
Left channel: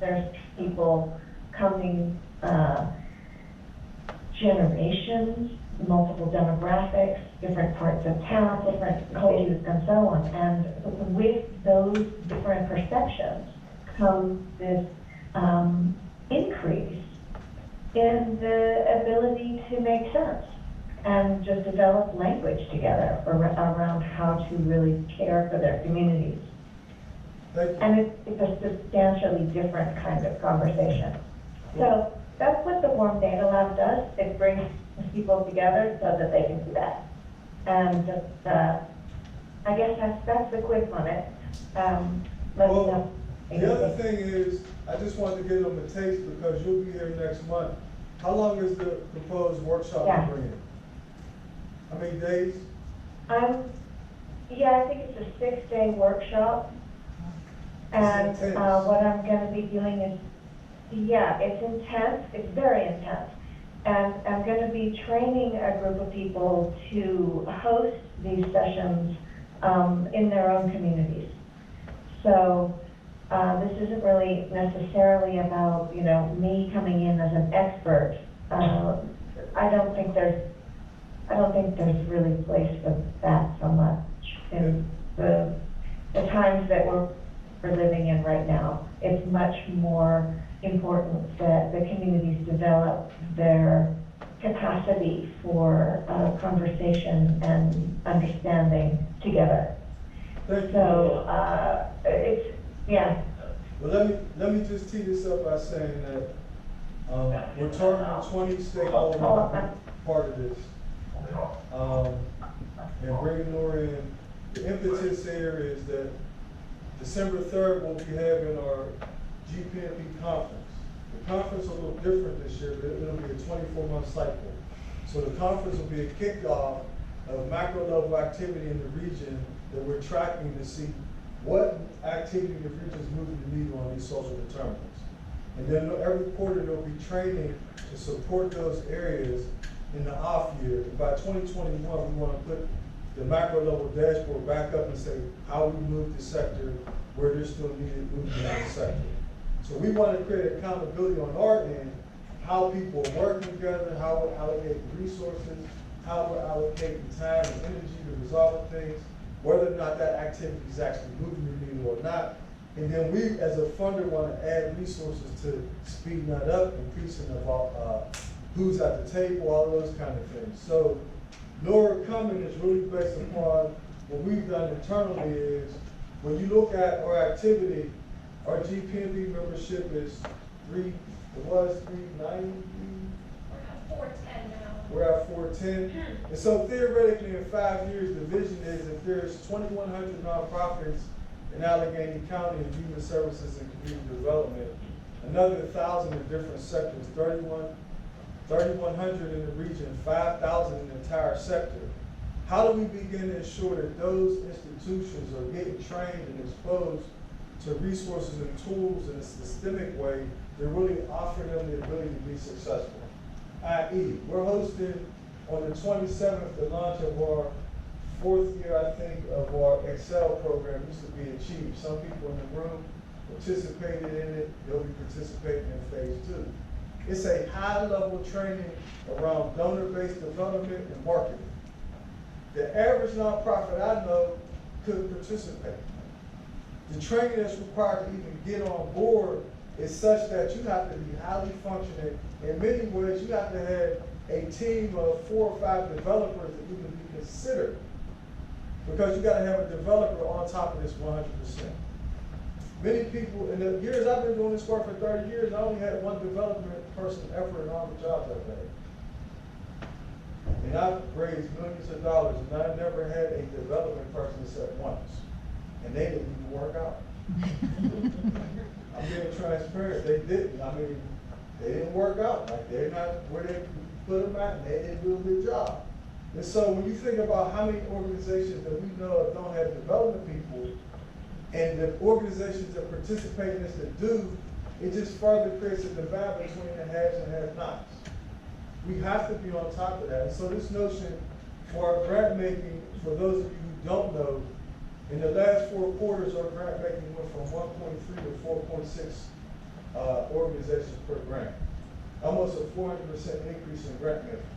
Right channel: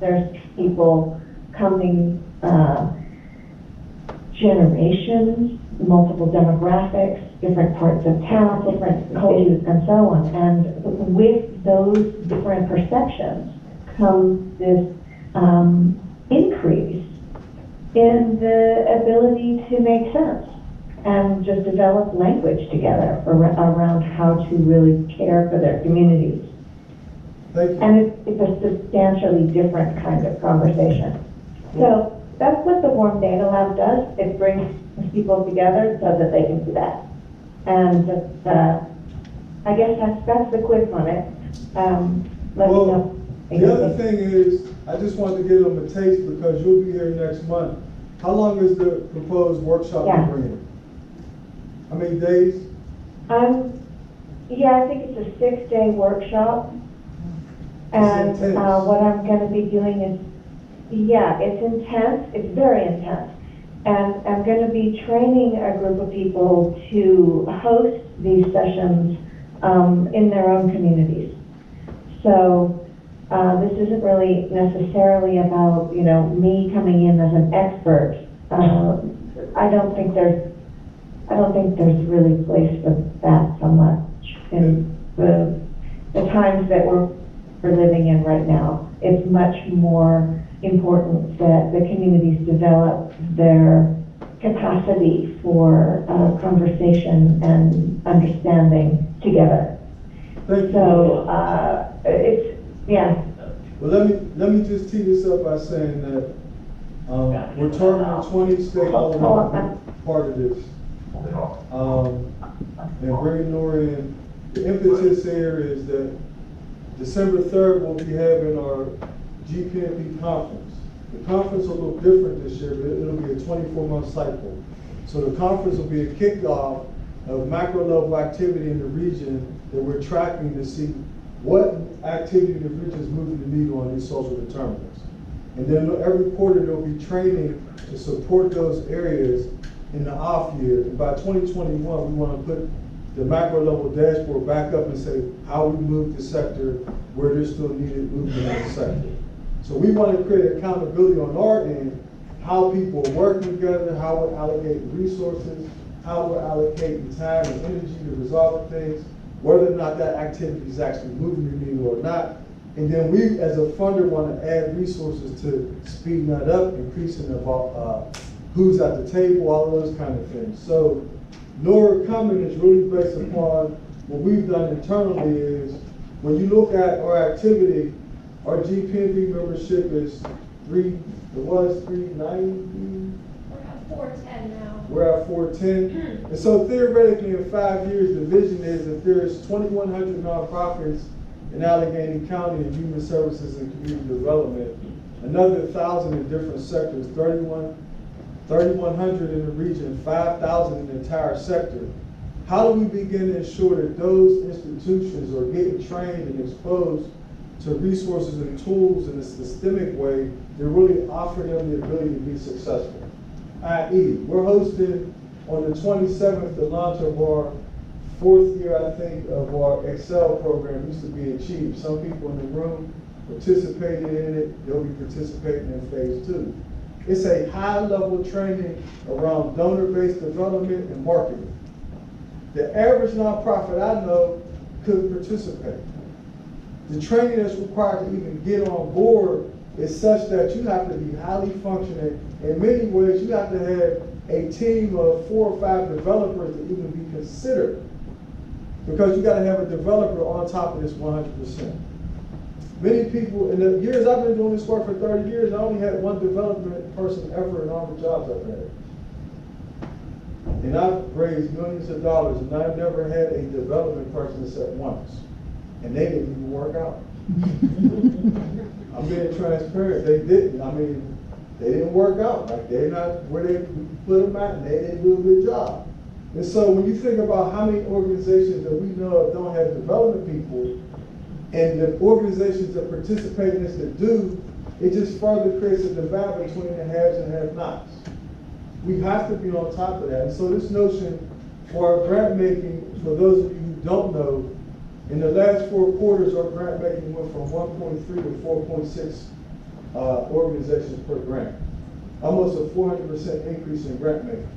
there's people coming, generations, multiple demographics, different parts of town, different cultures, and so on. And with those different perceptions comes this increase in the ability to make sense and just develop language together around how to really care for their communities. And it's a substantially different kind of conversation. So that's what the Warm Data Lab does. It brings people together so that they can do that. And I guess that's the quiz on it. Let me know. The other thing is, I just wanted to give them a taste, because you'll be here next month. How long is the proposed workshop you're bringing? How many days? Yeah, I think it's a 6-day workshop. And what I'm going to be doing is, it's intense. It's very intense. And I'm going to be training a group of people to host these sessions in their own communities. So this isn't really necessarily about, me coming in as an expert. I don't think there's really place for that so much in the times that we're living in right now. It's much more important that the communities develop their capacity for conversation and understanding together. Thank you. So Well, let me just tee this up by saying that we're targeting 20 stakeholders to be part of this, and bringing Nora in. The impetus here is that December 3rd we'll be having our GPMP conference. The conference is a little different this year, but it'll be a 24-month cycle. So the conference will be a kickoff of macro level activity in the region that we're tracking to see what activity the region is moving the needle on these social determinants. And then every quarter there'll be training to support those areas in the off year. And by 2021, we want to put the macro level dashboard back up and say how we move the sector, where there's still needed movement in the sector. So we want to create accountability on our end, how people are working together, how we're allocating resources, how we're allocating time and energy to resolve things, whether or not that activity is actually moving the needle or not. And then we, as a funder, want to add resources to speeding that up, increasing the who's at the table, all of those kind of things. So Nora coming is really based upon what we've done internally is, when you look at our activity, our GPMP membership is 390. We're at 410 now. We're at 410. And so theoretically in 5 years, the vision is if there's 2,100 nonprofits in Allegheny County in human services and community development, another 1,000 in different sectors, 3,100 in the region, 5,000 in the entire sector. How do we begin to ensure that those institutions are getting trained and exposed to resources and tools in a systemic way that really offer them the ability to be successful? I.e., we're hosting on the 27th the launch of our 4th year, I think, of our Excel program. It used to be Achieve. Some people in the room participated in it. They'll be participating in phase 2. It's a high-level training around donor-based development and marketing. The average nonprofit I know could participate. The training that's required to even get on board is such that you have to be highly functioning. In many ways, you have to have a team of 4 or 5 developers to even be considered, because you got to have a developer on top of this 100%. Many people, in the years I've been doing this work for 30 years, I only had one development person ever in all the jobs I've had. And I've raised millions of dollars, and I never had a development person except once. And they didn't even work out. I'm being transparent, they didn't. I mean, they didn't work out. Like, they're not where they put them at, and they didn't do a good job. And so when you think about how many organizations that we know of don't have development people, and the organizations that participate in this that do, it just further creates a divide between the haves and have-nots. We have to be on top of that. And so this notion for our grant making, for those of you who don't know, in the last 4 quarters, our grant making went from 1.3 to 4.6 organizations per grant. Almost a 400% increase in grant making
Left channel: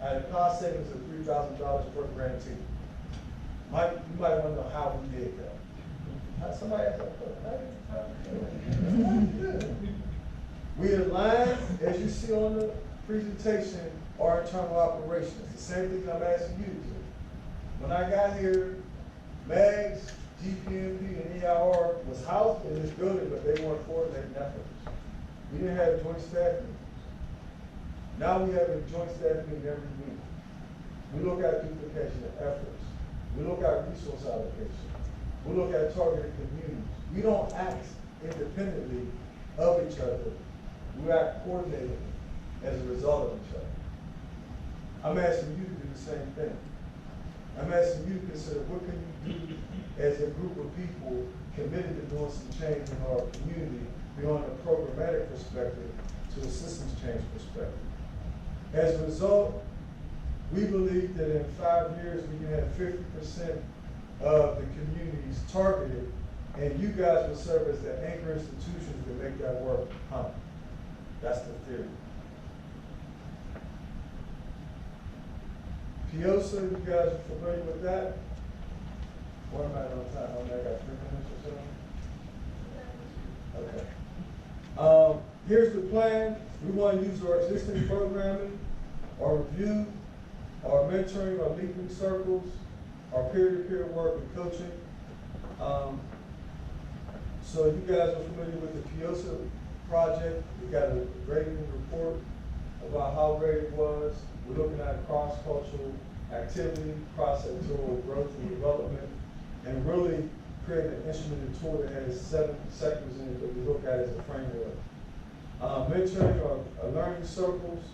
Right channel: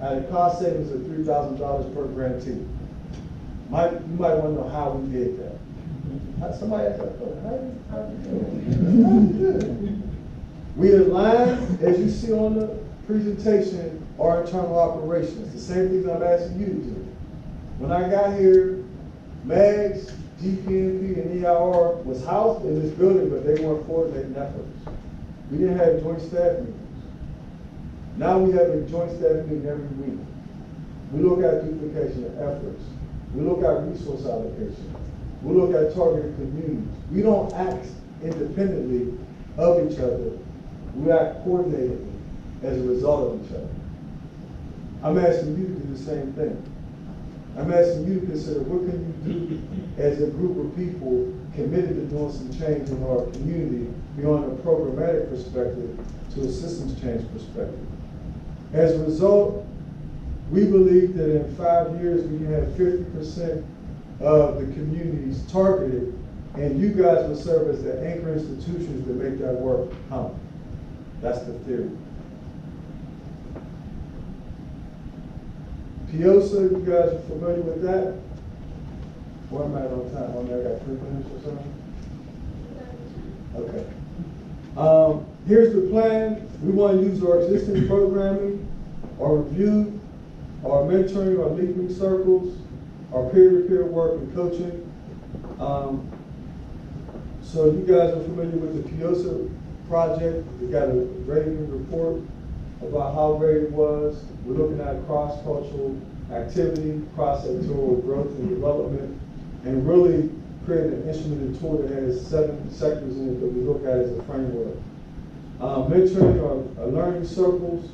at a cost savings of $3,000 per grantee. You might want to know how we did that. Somebody asked that question. How did you do it? We aligned, as you see on the presentation, our internal operations. The same thing I'm asking you to do. When I got here, MAGS, GPMP, and EIR was housed in this building, but they weren't coordinating efforts. We didn't have joint staff meetings. Now we have a joint staff meeting every week. We look at duplication of efforts. We look at resource allocation. We look at targeted communities. We don't act independently of each other. We act coordinatedly as a result of each other. I'm asking you to do the same thing. I'm asking you to consider, what can you do as a group of people committed to doing some change in our community beyond a programmatic perspective to a systems change perspective. As a result, we believe that in 5 years we can have 50% of the communities targeted, and you guys will serve as the anchor institutions that make that work happen. That's the theory. PIOSA, you guys are familiar with that? Where am I on time? I got 3 minutes or something? Okay. Here's the plan. We want to use our existing programming, our review, our mentoring, our leaping circles, our peer-to-peer work and coaching. So you guys are familiar with the PIOSA project. We got a rating report about how great it was. We're looking at cross-cultural activity, cross-sectoral growth and development, and really creating an instrumented tool that has 7 sectors in it that we look at as a framework. Mentoring or learning circles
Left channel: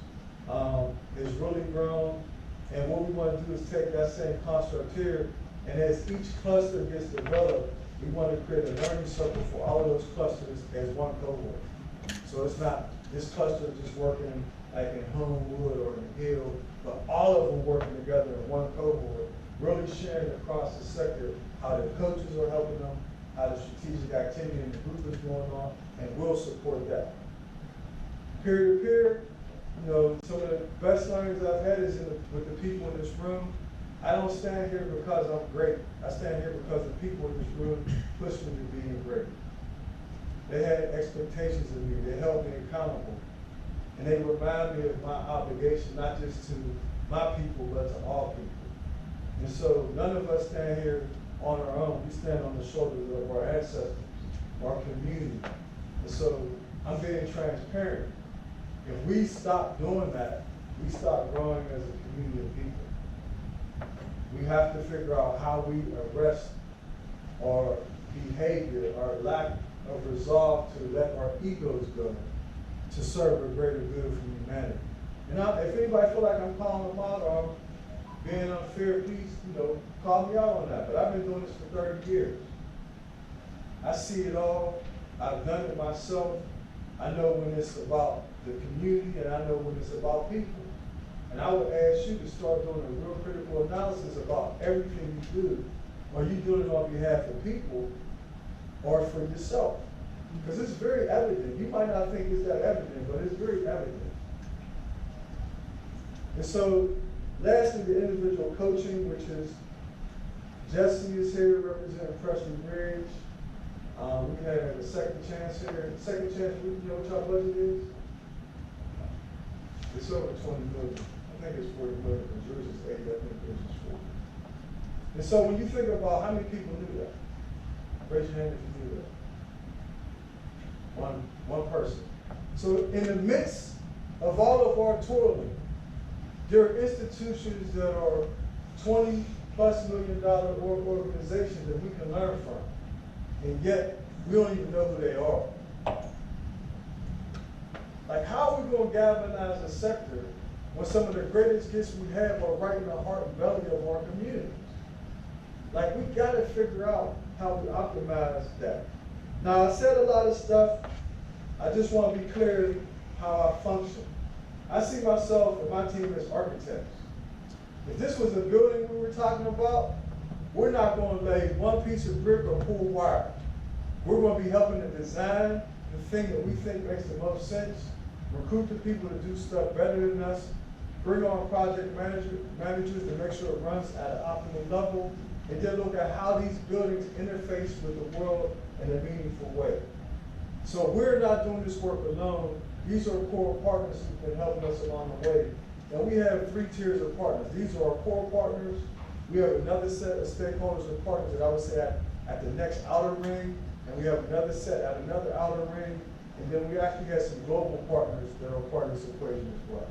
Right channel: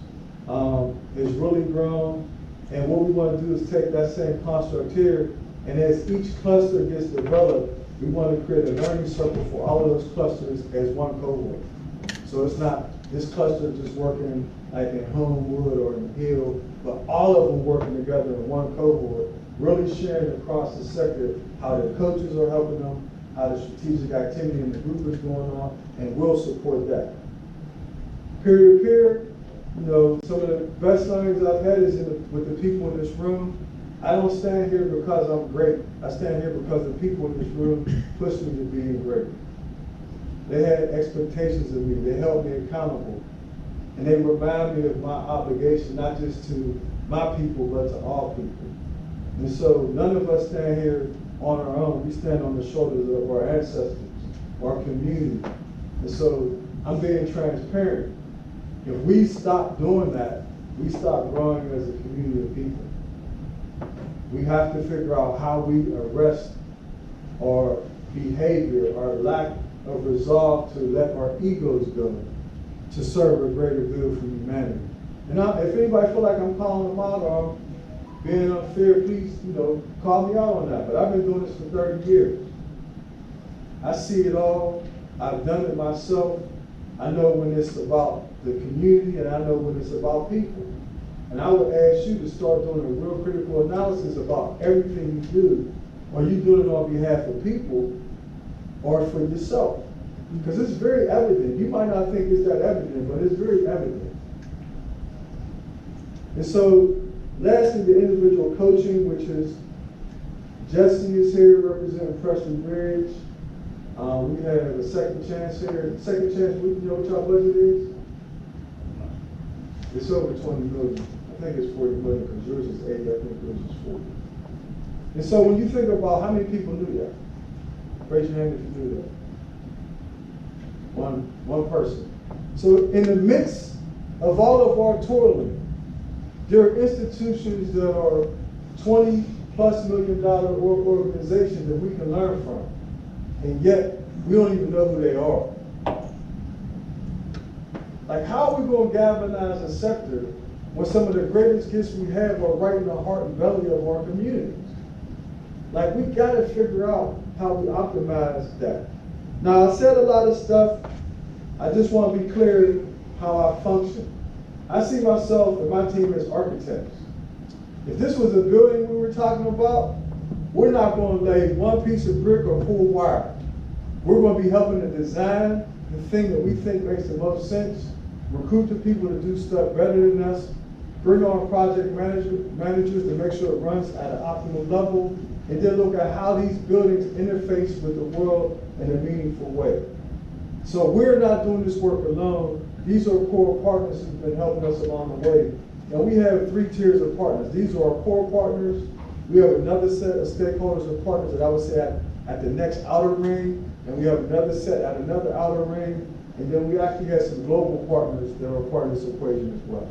has really grown, and what we want to do is take that same construct here, and as each cluster gets developed, we want to create a learning circle for all of those clusters as one cohort. So it's not this cluster just working like in Homewood or in Hill, but all of them working together in one cohort, really sharing across the sector how the coaches are helping them, how the strategic activity in the group is going on, and we'll support that. Peer-to-peer, you know, some of the best learnings I've had is with the people in this room. I don't stand here because I'm great. I stand here because the people in this room pushed me to being great. They had expectations of me. They held me accountable. And they remind me of my obligation, not just to my people, but to all people. And so none of us stand here on our own. We stand on the shoulders of our ancestors, our community. And so I'm being transparent. If we stop doing that, we stop growing as a community of people. We have to figure out how we arrest our behavior, our lack of resolve to let our egos go to serve a greater good for humanity. And if anybody feel like I'm calling them out or I'm being unfair, please, call me out on that. But I've been doing this for 30 years. I see it all. I've done it myself. I know when it's about the community, and I know when it's about people. And I would ask you to start doing a real critical analysis about everything you do. Are you doing it on behalf of people or for yourself? Because it's very evident. You might not think it's that evident, but it's very evident. And so, lastly, the individual coaching, which is Jesse is here representing Preston Bridge. We have a second chance here. Second chance, you know what y'all budget is? It's over 20 million. I think it's 40 million because yours is 80, I think yours is 40. And so when you think about how many people knew that, raise your hand if you knew that. One person. So in the midst of all of our toiling, there are institutions that are $20+ million organizations that we can learn from. And yet, we don't even know who they are. Like, how are we going to galvanize a sector when some of the greatest gifts we have are right in the heart and belly of our communities? Like, we got to figure out how we optimize that. Now, I said a lot of stuff. I just want to be clear how I function. I see myself and my team as architects. If this was a building we were talking about, we're not going to lay one piece of brick or pull wire. We're going to be helping to design the thing that we think makes the most sense, recruit the people to do stuff better than us, bring on project managers to make sure it runs at an optimal level, and then look at how these buildings interface with the world in a meaningful way. So we're not doing this work alone. These are core partners who've been helping us along the way. And we have 3 tiers of partners. These are our core partners. We have another set of stakeholders and partners that I would say at the next outer ring, and we have another set at another outer ring, and then we actually have some global partners that are part of this equation as well.